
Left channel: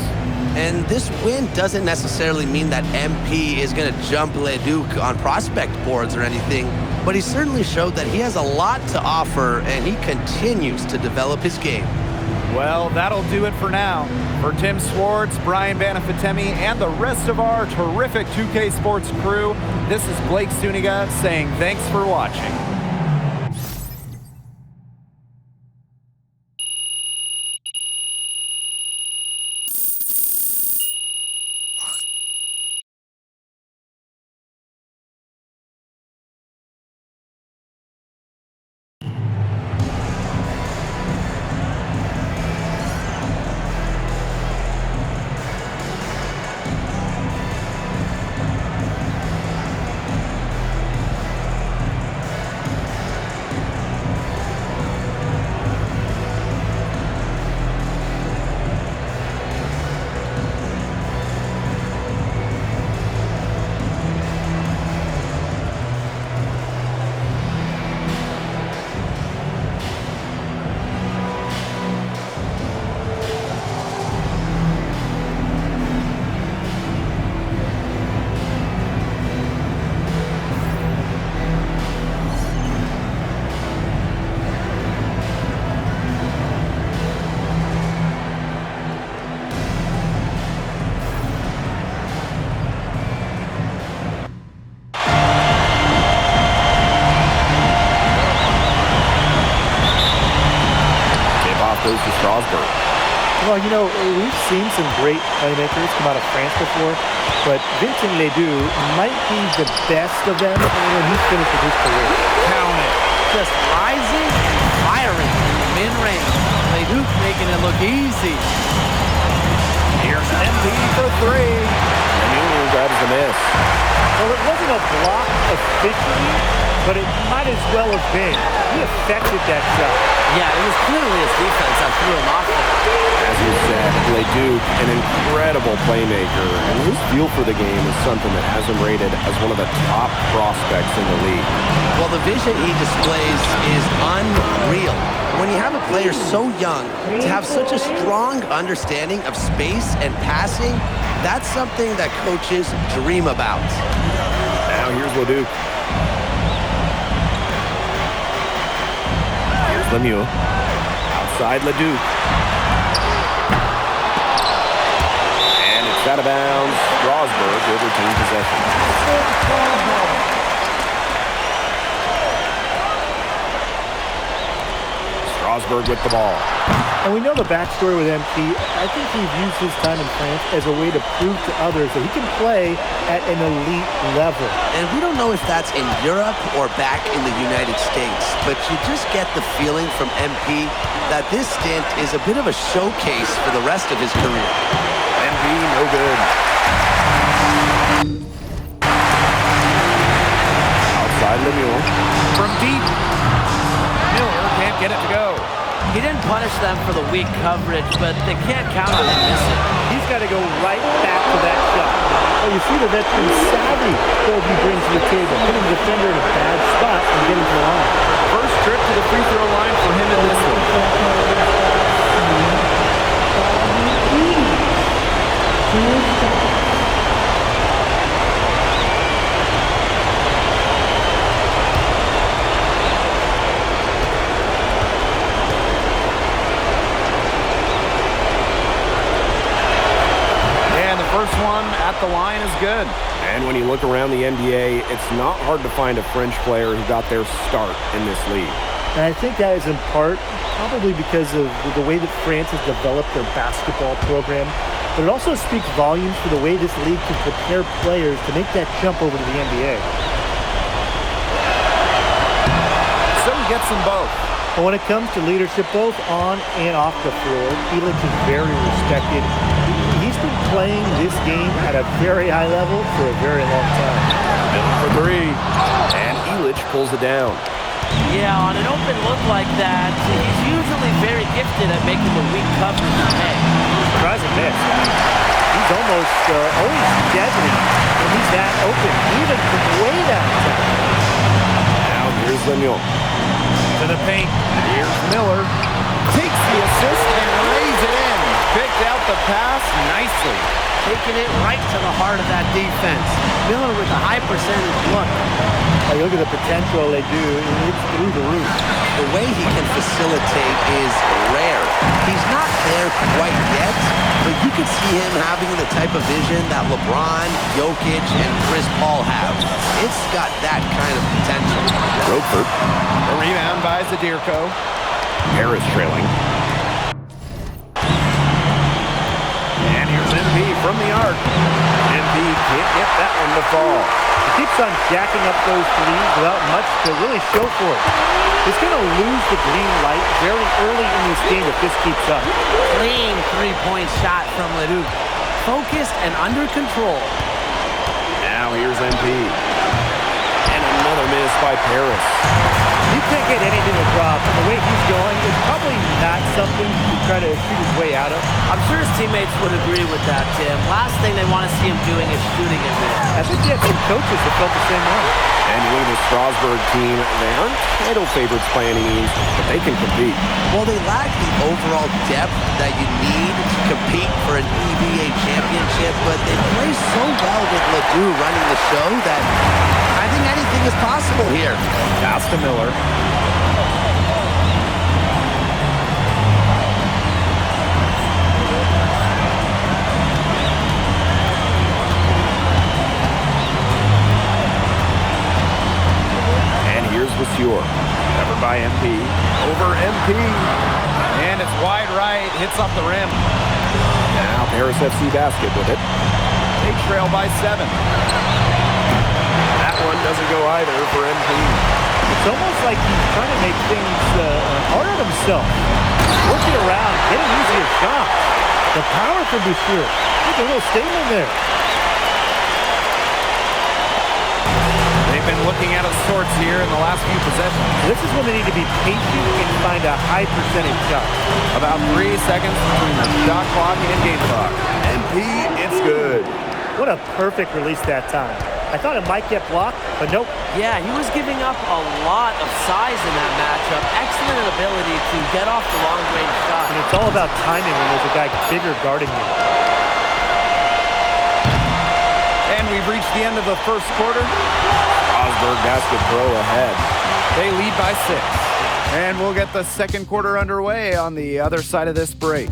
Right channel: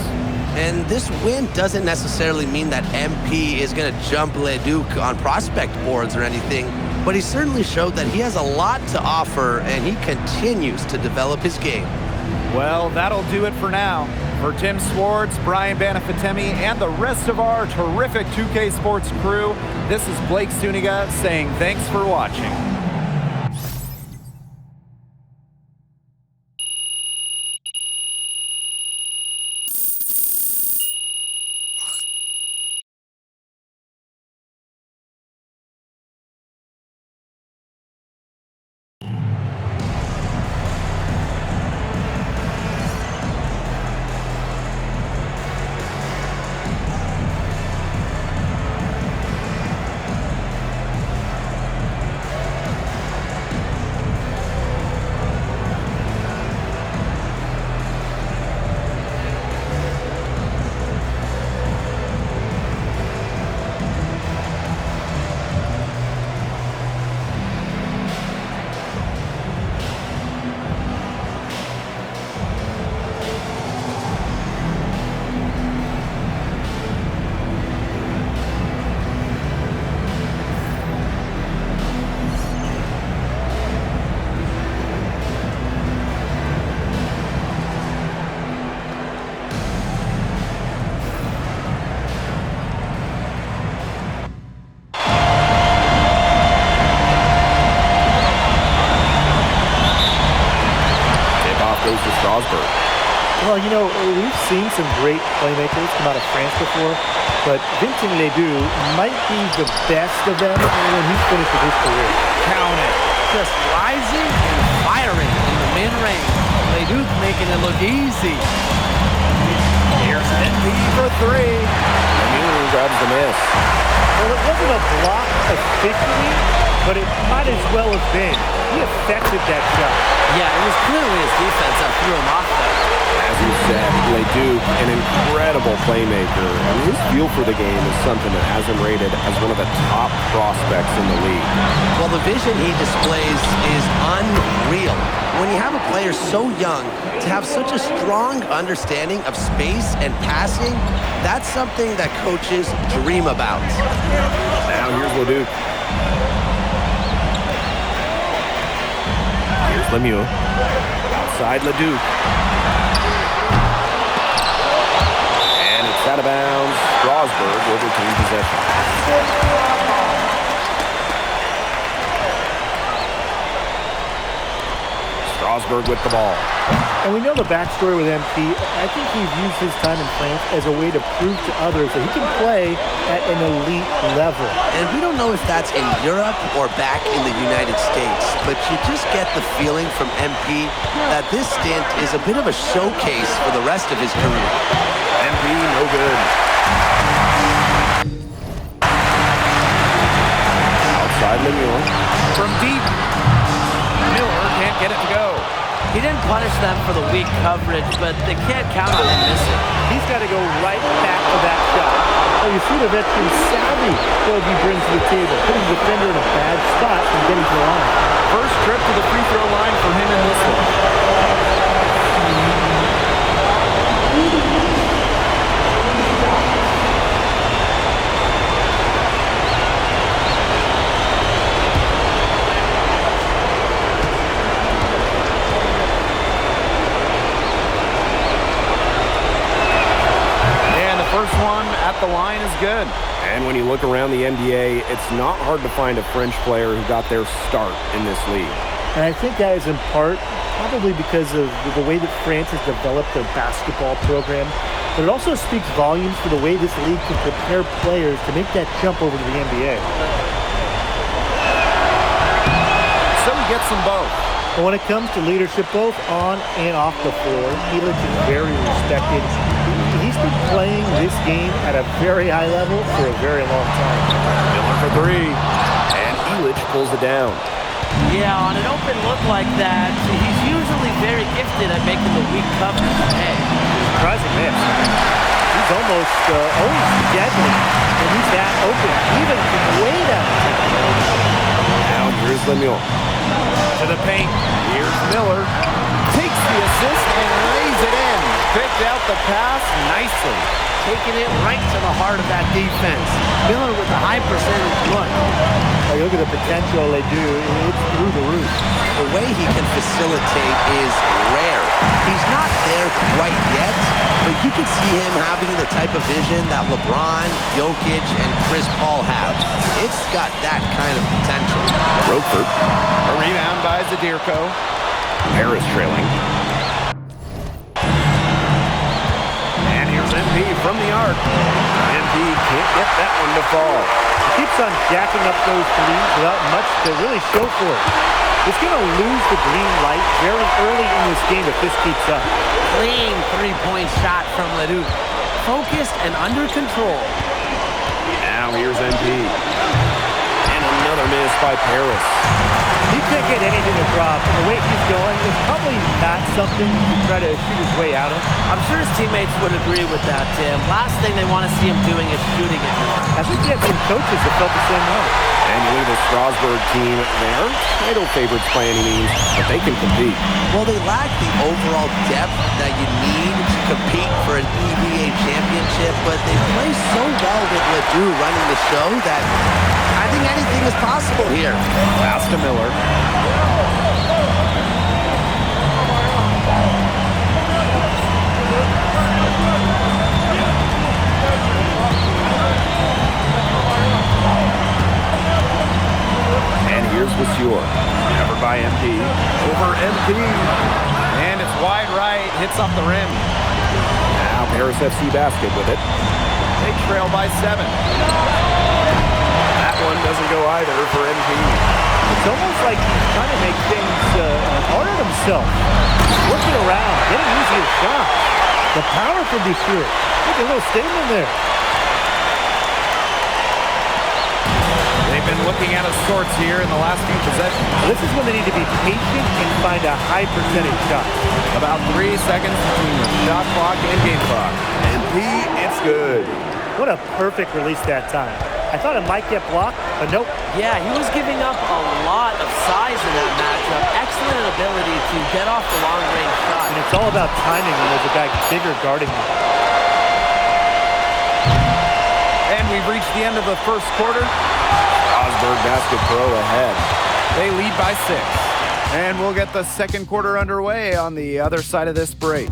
And this win doesn't necessarily mean that MP is going to jump Leduc on prospect boards or anything, but he certainly showed that he has a lot to offer, and he continues to develop his game. Well, that'll do it for now. For Tim Swartz, Brian Banafitemi, and the rest of our terrific 2K Sports crew, this is Blake Suniga saying thanks for watching. Tip-off goes to Strasburg. Well, you know, we've seen some great playmakers come out of France before, but Vincent Ledoux might be the best of them when he's finished with his career. Count it. Just rising and firing in the mid-range. Leduc making it look easy. Here's NB for three. Lemieux grabs the miss. Well, it wasn't a block officially, but it might as well have been. He affected that shot. Yeah, it was clearly his defense that threw him off there. As you said, Leduc, an incredible playmaker, and his feel for the game is something that has him rated as one of the top prospects in the league. Well, the vision he displays is unreal. When you have a player so young, to have such a strong understanding of space and passing, that's something that coaches dream about. Now here's Leduc. Here's Lemieux. Outside Leduc. And it's out of bounds. Strasburg will retain possession. Strasburg with the ball. And we know the backstory with MP. I think he views his time in France as a way to prove to others that he can play at an elite level. And we don't know if that's in Europe or back in the United States, but you just get the feeling from MP that this stint is a bit of a showcase for the rest of his career. MP, no good. Outside Lemieux. From deep. Miller can't get it to go. He didn't punish them for the weak coverage, but they can't count on him missing. He's got to go right back to that shot. Well, you see the veteran savvy Kobe brings to the table, putting the defender in a bad spot and getting to the line. First trip to the free throw line for him in this one. First one at the line is good. And when you look around the NBA, it's not hard to find a French player who got their start in this league. And I think that is in part probably because of the way that France has developed their basketball program. But it also speaks volumes for the way this league can prepare players to make that jump over to the NBA. So he gets them both. But when it comes to leadership, both on and off the floor, Illich is very respected. He's been playing this game at a very high level for a very long time. Miller for three. And Illich pulls it down. Yeah, on an open look like that, he's usually very gifted at making the weak coverage pay. Surprising miss. He's almost always deadly when he's that open, even from way downtown. Now here's Lemieux. To the paint. Here's Miller. Takes the assist and lays it in. Picked out the pass nicely. Taking it right to the heart of that defense. Miller with a high percentage look. You look at the potential they do, it's through the roof. The way he can facilitate is rare. He's not there quite yet, but you can see him having the type of vision that LeBron, Jokic, and Chris Paul have. It's got that kind of potential. Roquefort. A rebound by Zadirko. Harris trailing. And here's MP from the arc. MP can't get that one to fall. He keeps on jacking up those threes without much to really show for it. He's going to lose the green light very early in this game if this keeps up. Clean three-point shot from Leduc. Focused and under control. Now here's MP. And another miss by Paris. You can't get anything to drop. And the way he's going, it's probably not something you should try to shoot his way out of. I'm sure his teammates would agree with that, Tim. Last thing they want to see him doing is shooting it more. I think he had some coaches that felt the same way. And you look at the Strasburg team, they aren't title favorites by any means, but they can compete. Well, they lack the overall depth that you need to compete for an EBA championship, but they play so well with Ledoux running the show that I think anything is possible here. Pass to Miller. And here's Vasseur. Covered by by MP. Over MP. And it's wide right, hits off the rim. Now Paris FC basket with it. They trail by 7. That one doesn't go either for MP. It's almost like he's trying to make things hard on himself. Working around, getting easier shots. The power from Boucher. Make a little statement there. They've been looking out of sorts here in the last few possessions. This is when they need to be patient and find a high percentage shot. About 3 seconds between the shot clock and game clock. MP, it's good. What a perfect release that time. I thought it might get blocked, but nope. Yeah, he was giving up a lot of size in that matchup. Excellent ability to get off the long-range shot. And it's all about timing when there's a guy bigger guarding you. And we've reached the end of the first quarter. Strasburg Basket Pro ahead. They lead by 6. And we'll get the second quarter underway on the other side of this break.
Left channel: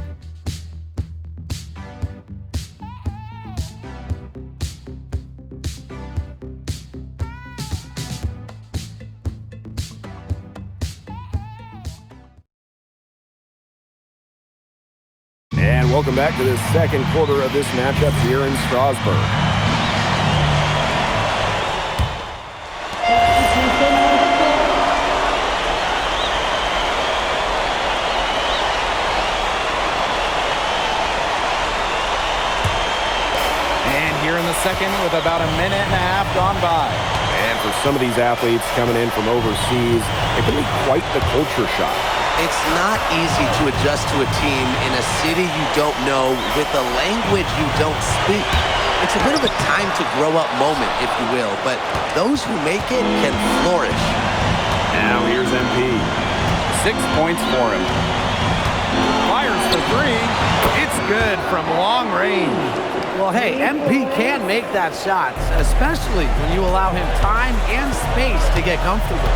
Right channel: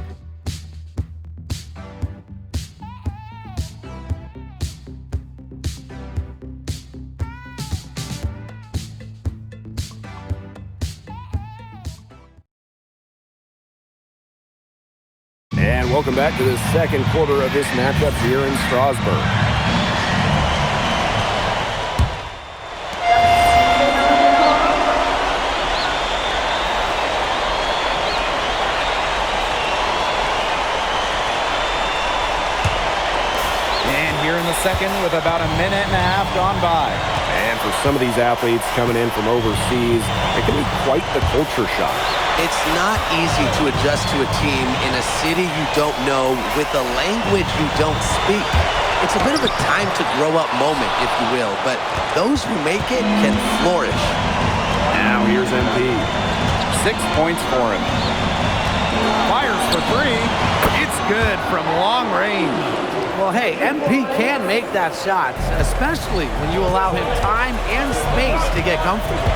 And welcome back to the second quarter of this matchup here in Strasburg. And here in the second with about a minute and a half gone by. And for some of these athletes coming in from overseas, it can be quite the culture shock. It's not easy to adjust to a team in a city you don't know with a language you don't speak. It's a bit of a time to grow up moment, if you will, but those who make it can flourish. Now here's MP. 6 points for him. Fires for 3. It's good from long range. Well, hey, MP can make that shot, especially when you allow him time and space to get comfortable.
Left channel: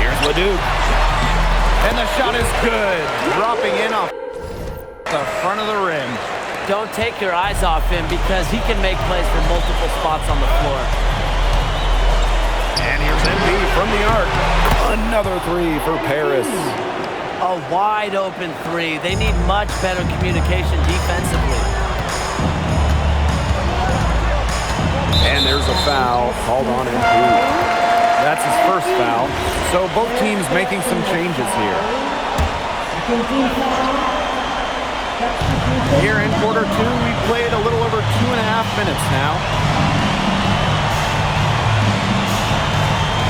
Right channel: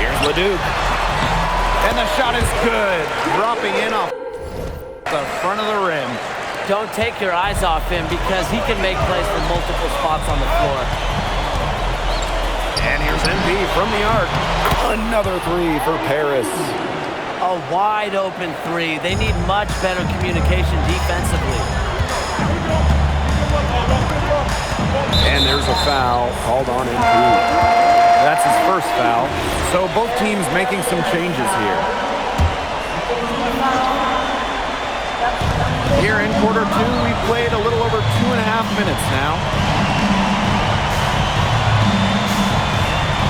Here's Leduc. And the shot is good. Dropping in off the front of the rim. Don't take your eyes off him because he can make plays from multiple spots on the floor. And here's MP from the arc. Another 3 for Paris. A wide open 3. They need much better communication defensively. And there's a foul called on MP. That's his first foul. So both teams making some changes here. Here in quarter 2, we've played a little over 2.5 minutes now.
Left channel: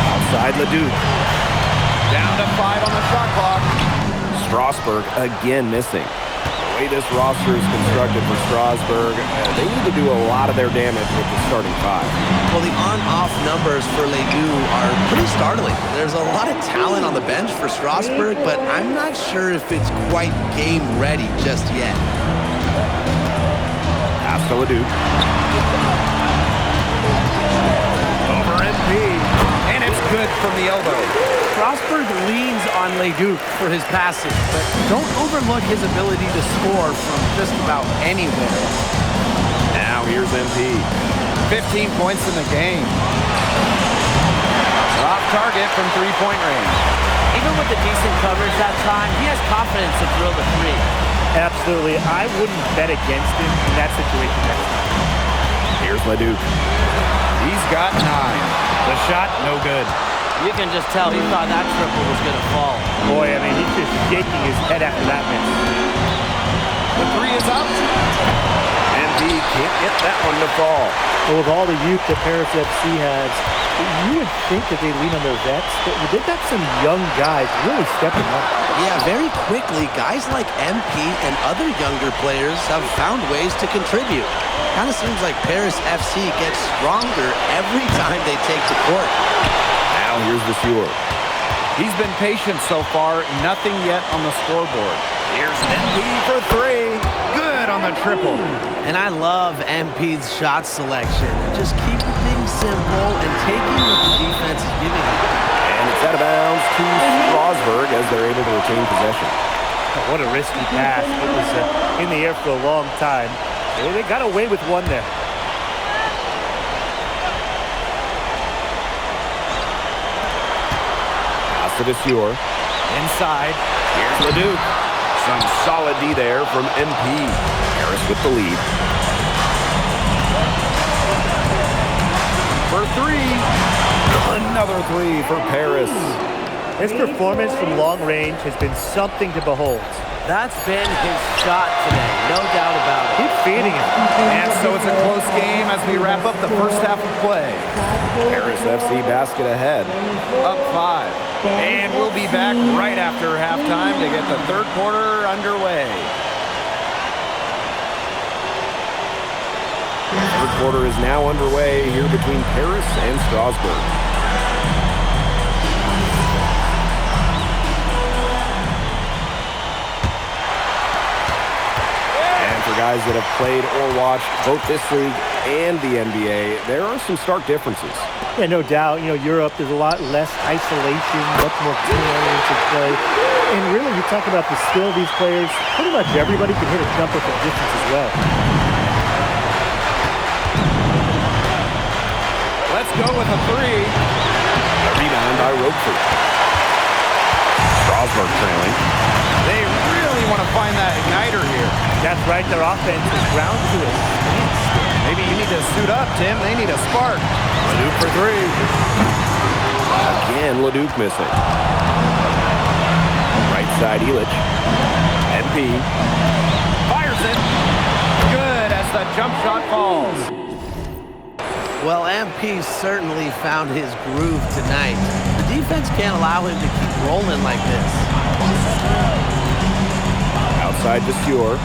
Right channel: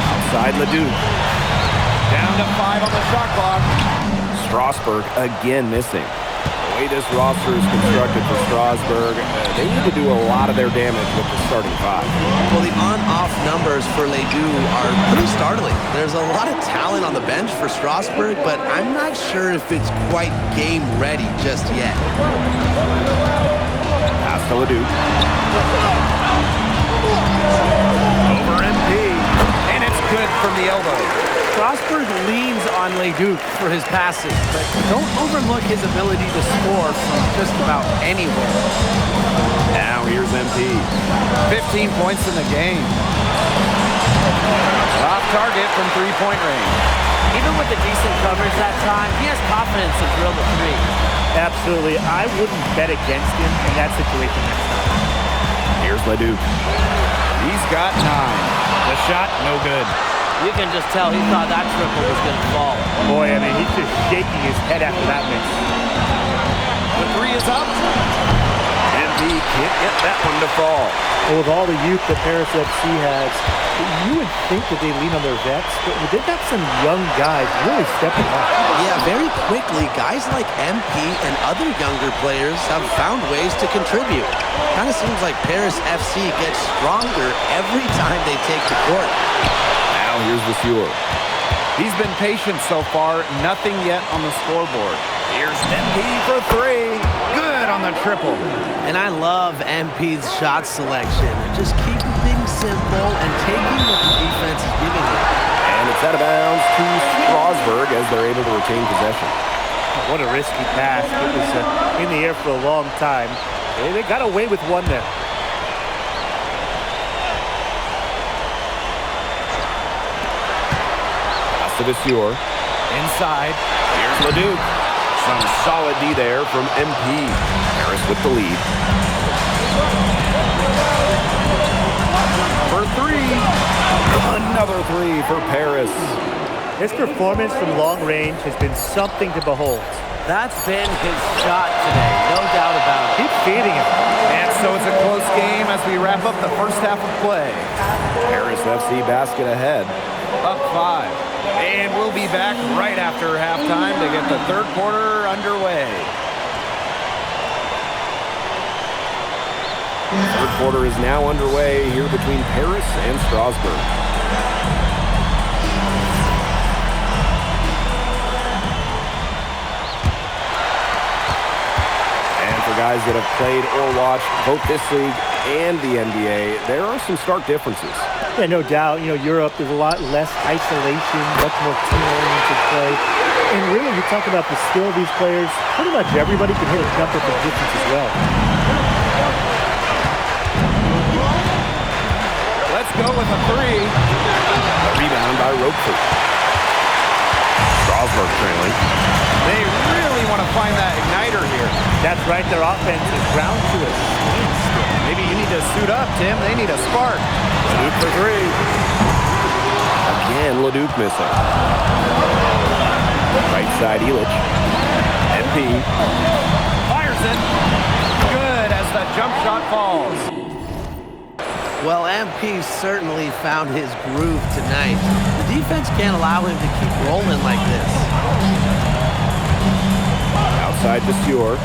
Outside Leduc. Down to 5 on the shot clock. Strasburg again missing. The way this roster is constructed for Strasburg, they need to do a lot of their damage with the starting 5. Well, the on-off numbers for Ledoux are pretty startling. There's a lot of talent on the bench for Strasburg, but I'm not sure if it's quite game ready just yet. Pass to Leduc. Over MP. And it's good from the elbow. Strasburg leans on Leduc for his passing, but don't overlook his ability to score from just about anywhere. Now here's MP. 15 points in the game. Off target from 3-point range. Even with the decent coverage that time, he has confidence to drill the 3. Absolutely. I wouldn't bet against him in that situation next time. Here's Leduc. He's got 9. The shot, no good. You can just tell he thought that triple was going to fall. Boy, I mean, he's just shaking his head after that miss. The 3 is up. MP can't get that one to fall. Well, with all the youth that Paris FC has, you would think that they lean on their vets, but they've got some young guys really stepping up. Yeah, very quickly, guys like MP and other younger players have found ways to contribute. Kind of seems like Paris FC gets stronger every time they take the court. Now here's Vasseur. He's been patient so far. Nothing yet on the scoreboard. Here's MP for 3. Good on the triple. And I love MP's shot selection. Just keeping things simple and taking what the defense is giving him. And it's out of bounds to Strasburg as they're able to retain possession. Oh, what a risky pass. It was in the air for a long time. They got away with one there. Acevicior. Inside. Here's Leduc. Some solid D there from MP. Harris with the lead. For three. Another three for Paris. His performance from long range has been something to behold. That's been his shot today, no doubt about it. Keep feeding him. And so it's a close game as we wrap up the first half of play. Paris FC basket ahead. Up 5. And we'll be back right after halftime to get the third quarter underway. Third quarter is now underway here between Paris and Strasbourg. And for guys that have played or watched both this league and the NBA, there are some stark differences. Yeah, no doubt. You know, Europe, there's a lot less isolation, much more team-oriented play. And really, you talk about the skill of these players, pretty much everybody can hit a jumper from distance as well. Let's go with a three. A rebound by Roquefort. Strasbourg trailing. They really want to find that igniter here. That's right, their offense is ground to a standstill. Maybe you need to suit up, Tim. They need a spark. Leduc for three. Again, Leduc missing. Right side, Illich. MP. Fires it. Good as the jump shot falls. Well, MP certainly found his groove tonight. The defense can't allow him to keep rolling like this. Outside Vasseur.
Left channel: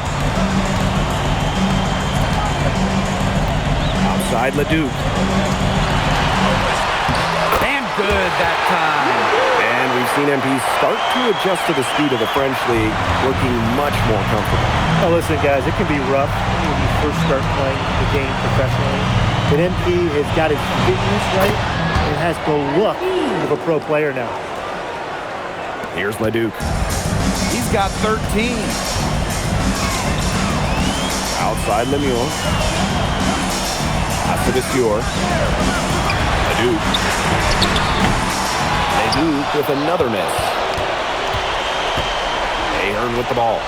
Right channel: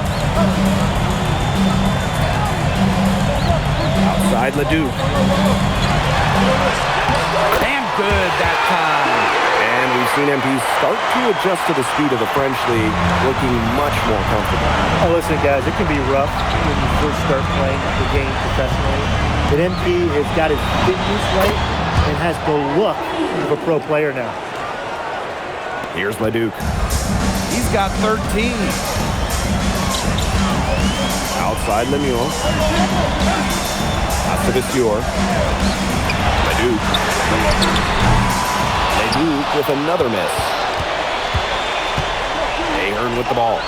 Outside Leduc. And good that time. And we've seen MP start to adjust to the speed of the French league, looking much more comfortable. Oh, listen, guys, it can be rough when you first start playing the game professionally. But MP has got his fitness right and has the look of a pro player now. Here's Leduc. He's got 13. Outside Lemieux. Acevicior. Leduc. Leduc with another miss. Ahern with the ball.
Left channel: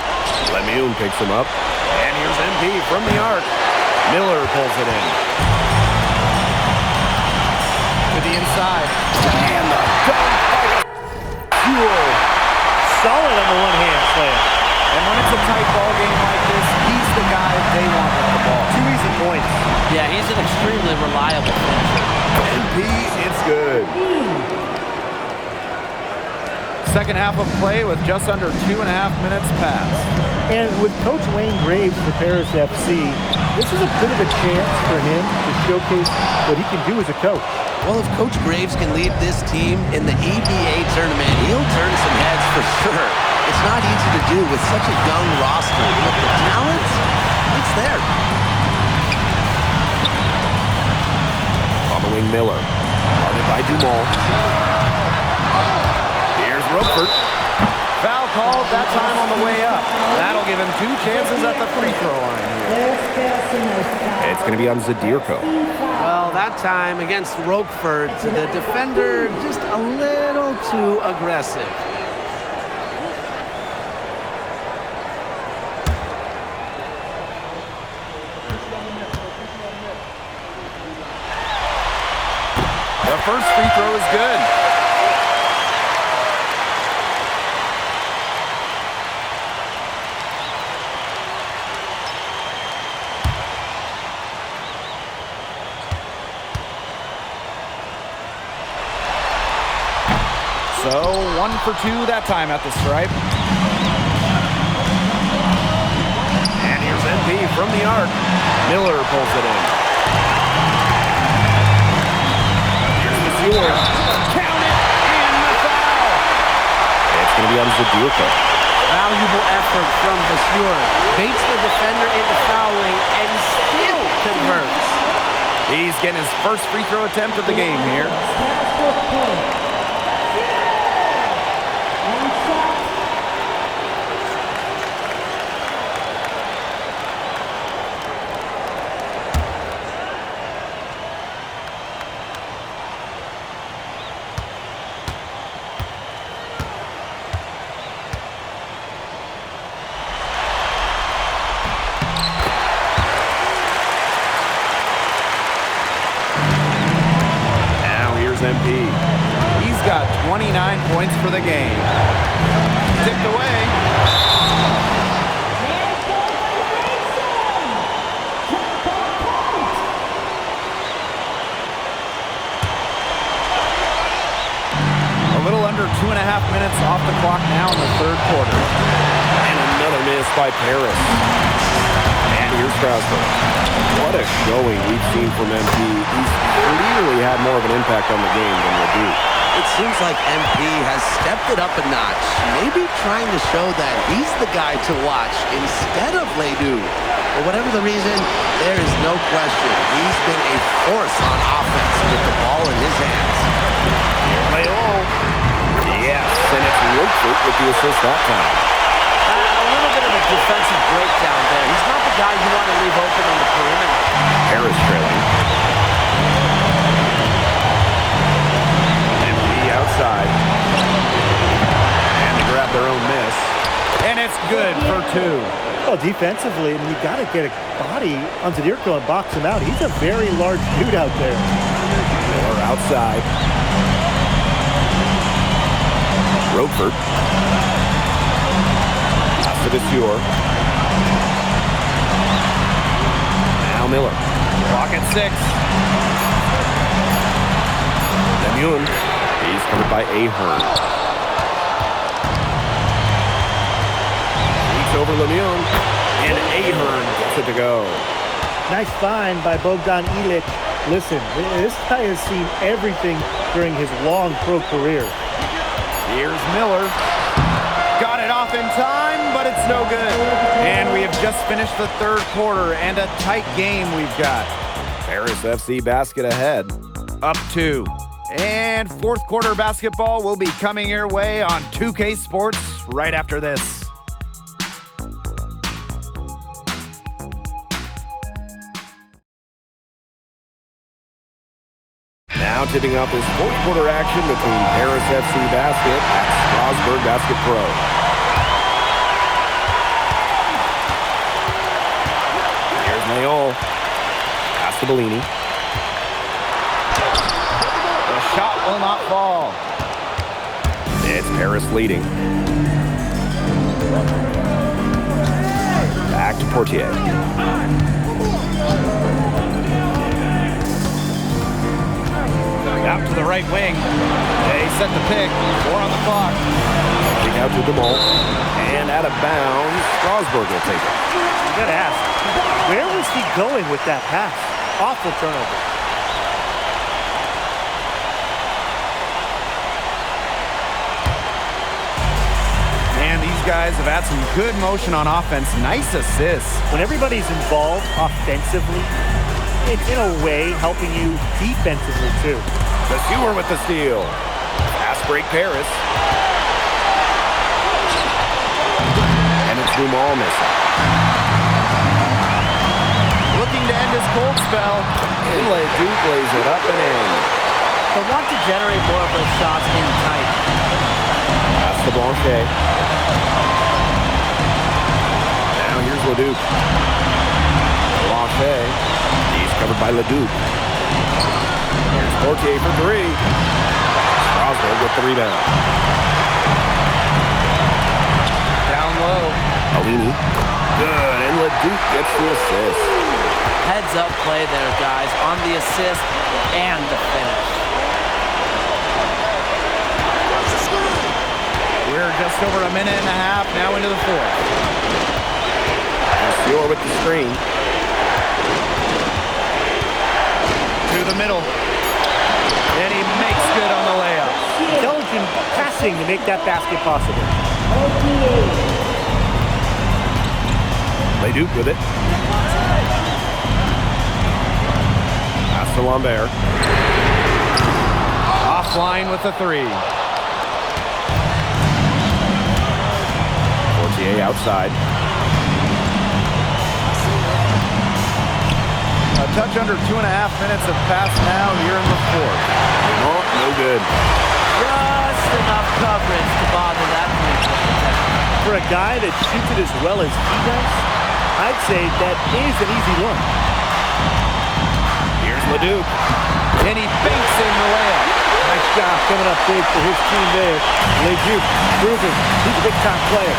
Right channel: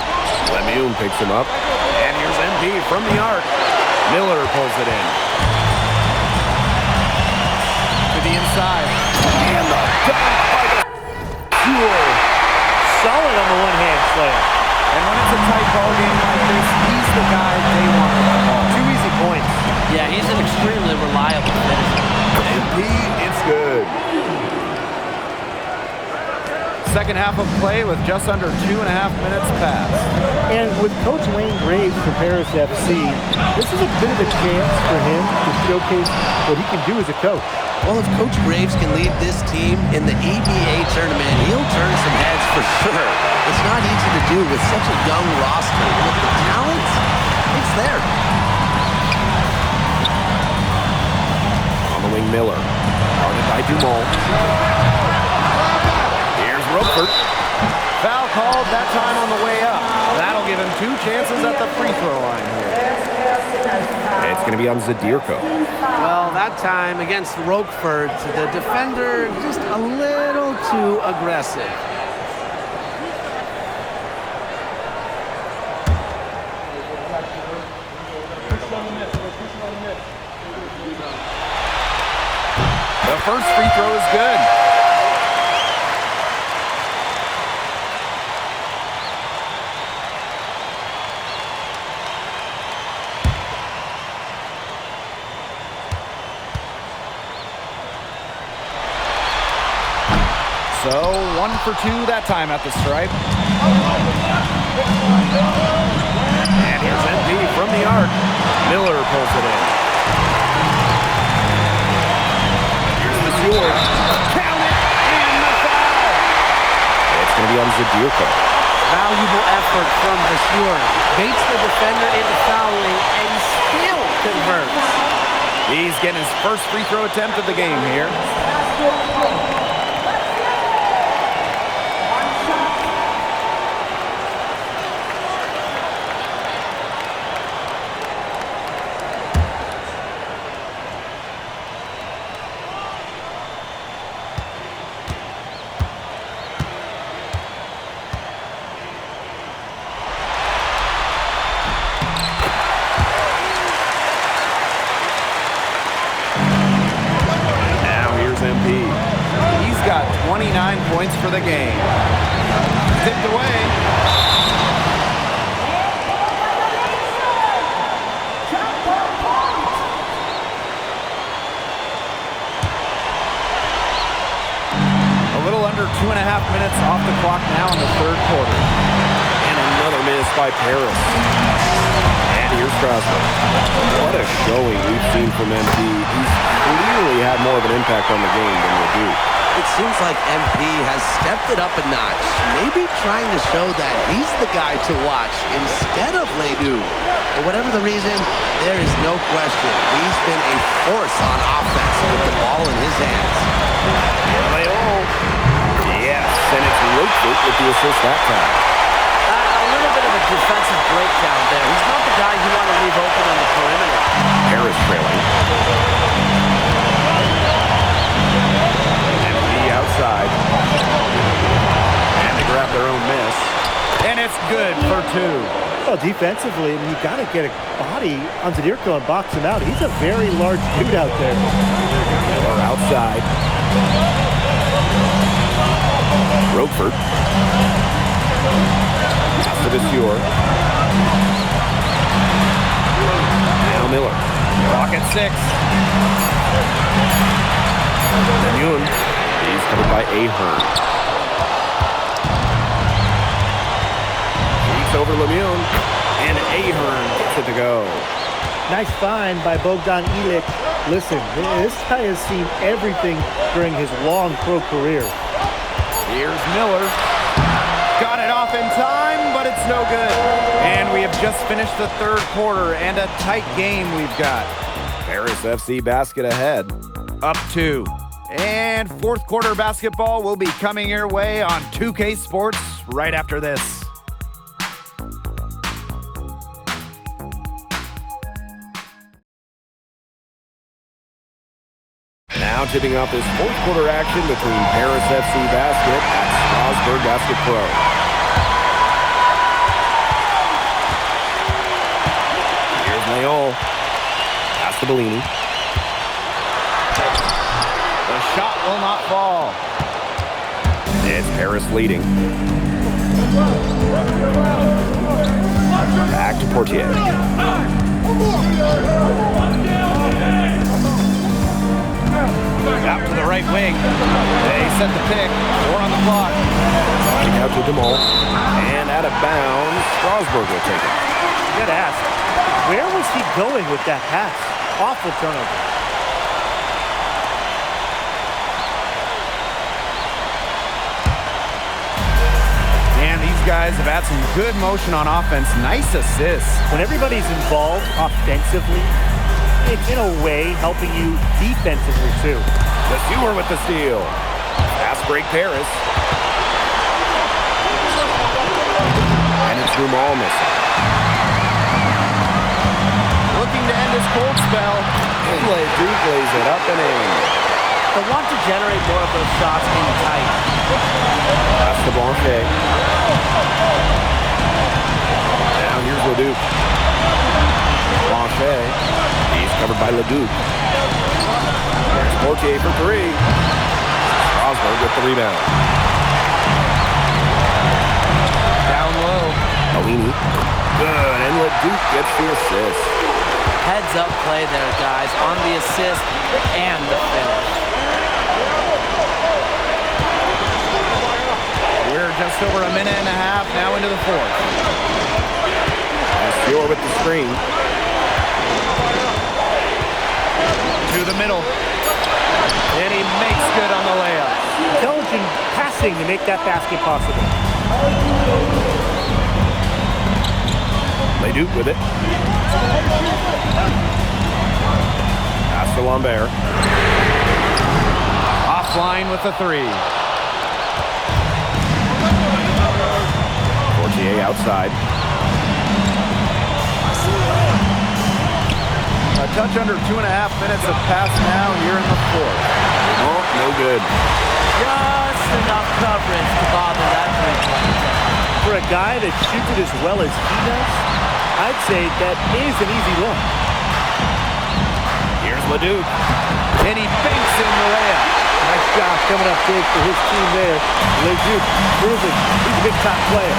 Lemieux picks him up. And here's MP from the arc. Miller pulls it in. To the inside. And the dunk by Vasseur. Solid on the one-hand slam. And when it's a tight ball game like this, he's the guy they want with the ball. 2 easy points. Yeah, he's an extremely reliable finisher. MP, it's good. Second half of play with just under 2.5 minutes passed. And with Coach Wayne Graves for Paris FC, this is a bit of a chance for him to showcase what he can do as a coach. Well, if Coach Graves can lead this team in the EBA tournament, he'll turn some heads for sure. It's not easy to do with such a young roster, but the talent, it's there. On the wing, Miller. Guarded by Dumont. Here's Roquefort. Foul called that time on the way up. That'll give him 2 chances at the free throw line here. It's going to be on Zadirko. Well, that time against Roquefort, the defender just a little too aggressive. The first free throw is good. So 1 for 2 that time at the stripe. And here's MP from the arc. Miller pulls it in. Here's Vasseur. Count it, and the foul. It's going to be on Zadirko. Valuable effort from Vasseur. Baits the defender into fouling and still converts. He's getting his first free throw attempt of the game here. Here's MP. He's got 29 points for the game. Tipped away. Handball violation. Jump ball point. A little under 2.5 minutes off the clock now in the third quarter. And another miss by Paris. And here's Strasburg. What a showing we've seen from MP. He's clearly had more of an impact on the game than Ledoux. It seems like MP has stepped it up a notch, maybe trying to show that he's the guy to watch instead of Ledoux. For whatever the reason, there is no question he's been a force on offense with the ball in his hands. Here they all. Yes, and it's Roquefort with the assist that time. A little bit of a defensive breakdown there. He's not the guy you want to leave open on the perimeter. Harris trailing. MP outside. And they grab their own miss. And it's good for 2. Well, defensively, I mean, you got to get a body on Zadirko and box him out. He's a very large dude out there. Miller outside. Roquefort. Pass to Vasseur. Now Miller. Clock at 6. Lemoun. He's covered by Ahern. Shoots over Lemoun. And Ahern gets it to go. Nice find by Bogdan Ilic. Listen, this guy has seen everything during his long pro career. Here's Miller. Got it off in time, but it's no good. And we have just finished the third quarter, and a tight game we've got. Paris FC basket ahead. Up 2. And fourth quarter basketball will be coming your way on 2K Sports right after this. Now tipping off this fourth quarter action between Paris FC Basket at Strasburg Basket Pro. Here's Mayol. Pass to Bellini. The shot will not fall. It's Paris leading. Back to Portier. Out to the right wing. They set the pick. 4 on the clock. Kick out to DeMol. And out of bounds, Strasburg will take it. You got to ask, where was he going with that pass? Awful turnover. Man, these guys have had some good motion on offense. Nice assists. When everybody's involved offensively, it's in a way helping you defensively too. Vasseur with the steal. Fast break Paris. And it's Dumal missing. Looking to end his cold spell. And Leduc lays it up and in. They'll want to generate more of those shots in tight. Pass to Blanchet. Now here's Leduc. Blanchet. He's covered by Leduc. Here's Portier for 3. Strasburg with the rebound. Down low. Bellini. Good, and Leduc gets the assist. Heads up play there, guys, on the assist and the finish. We're just over a minute and a half now into the fourth. Vasseur with the screen. To the middle. And he makes good on the layup. Intelligent passing to make that basket possible. Leduc with it. Pass to Lambert. Offline with the 3. Portier outside. A touch under 2.5 minutes have passed now here in the fourth. No good. Just enough coverage to bother that three-point attempt. For a guy that shoots it as well as he does, I'd say that is an easy look. Here's Leduc. And he banks in the layup. Nice job coming up big for his team there. Leduc proving he's a big-time player.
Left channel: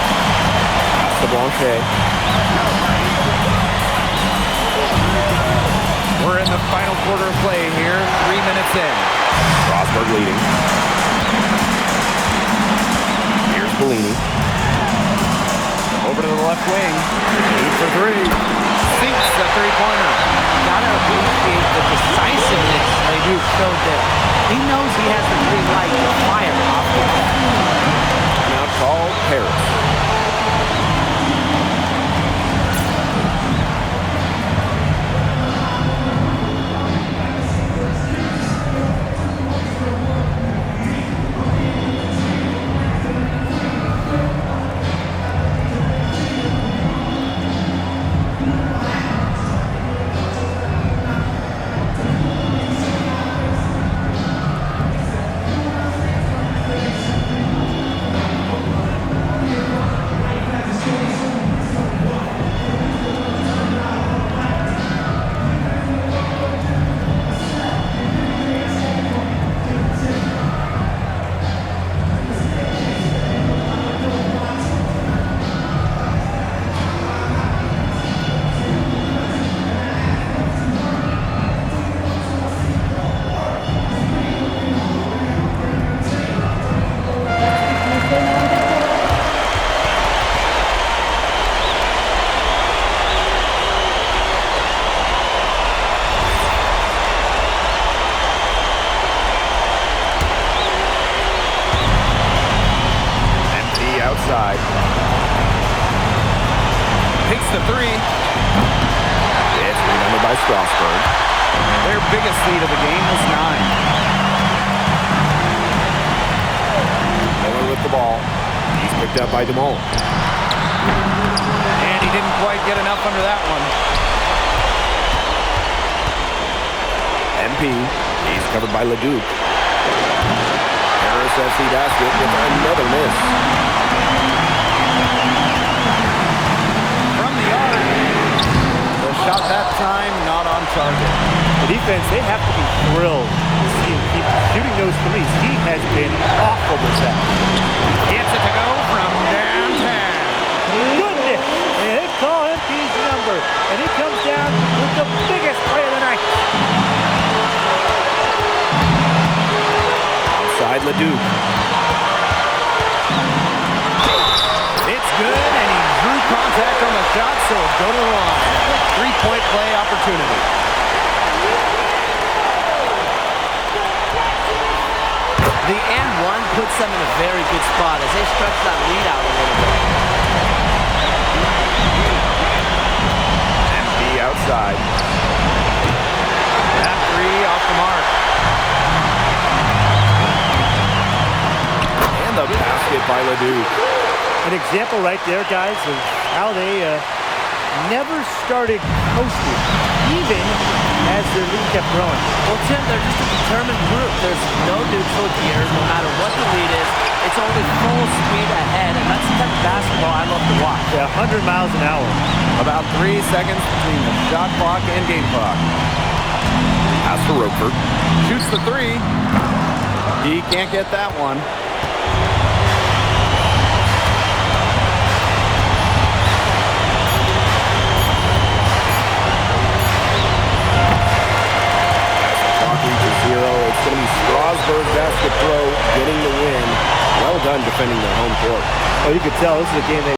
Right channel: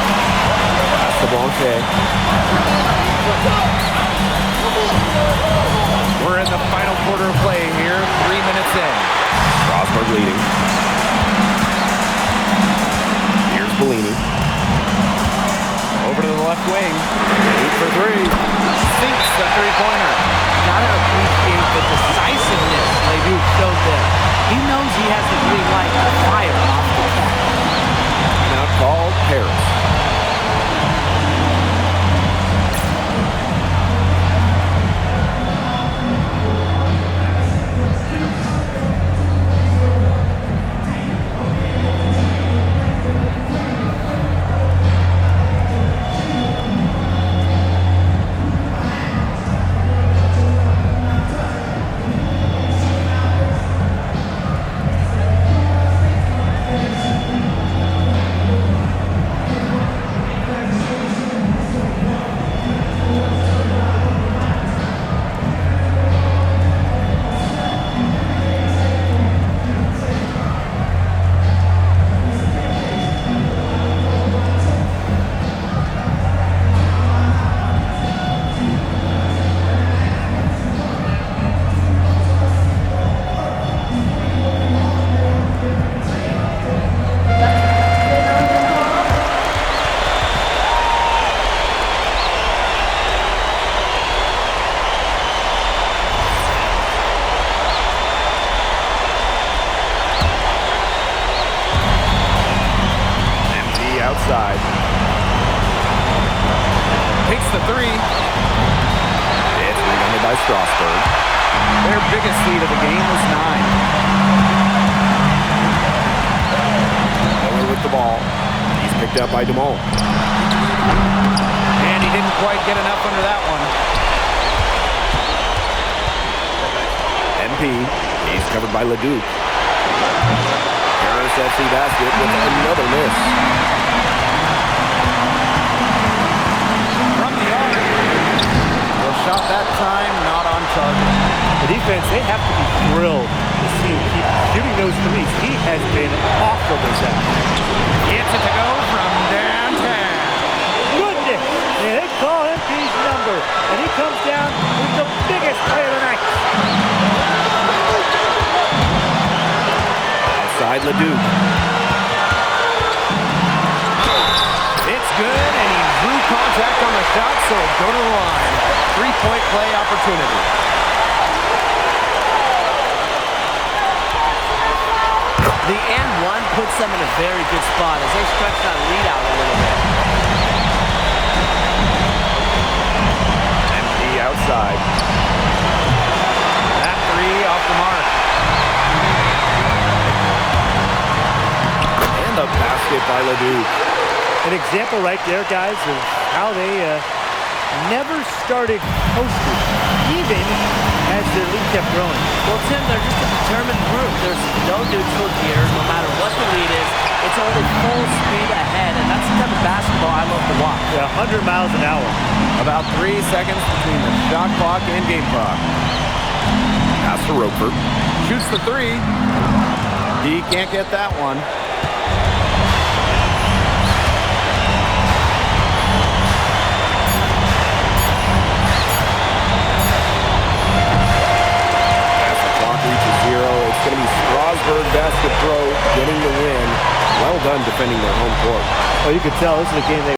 Pass to Blanchet. We're in the final quarter of play here, 3 minutes in. Strasburg leading. Here's Bellini. Over to the left wing. Shoot for three. Sinks the three-pointer. Gotta appreciate the decisiveness Leduc showed there. He knows he has the green light to fire off the catch. Timeout call, Paris. Outside. Takes the three. It's rebounded by Strasburg. Their biggest lead of the game was 9. Miller with the ball. He's picked up by DeMol. And he didn't quite get enough under that one. MP. He's covered by Leduc. Paris FC basket with another miss. From the arc. The shot that time not on target. The defense, they have to be thrilled to see him keep shooting those threes. He has been awful with that. Gets it to go from downtown. Goodness! Man, they call MP's number, and he comes down with the biggest play of the night. Outside Leduc. It's good, and he drew contact on the shot, so it'll go to the line. A three-point play opportunity. The and one puts them in a very good spot as they stretch that lead out a little bit. MP outside. That three off the mark. And the basket by Leduc. An example right there, guys, of how they never started coasting, even as their lead kept growing. Well, Tim, they're just a determined group. There's no neutral here. No matter what the lead is, it's only full speed ahead, and that's the type of basketball I love to watch. Yeah, 100 miles an hour. About 3 seconds between the shot clock and game clock. Pass to Roquefort. Shoots the three. He can't get that one. Reaches 0. It's going to be Strasburg Basket Pro getting the win. Well done defending their home court. Well, you could tell this is a game they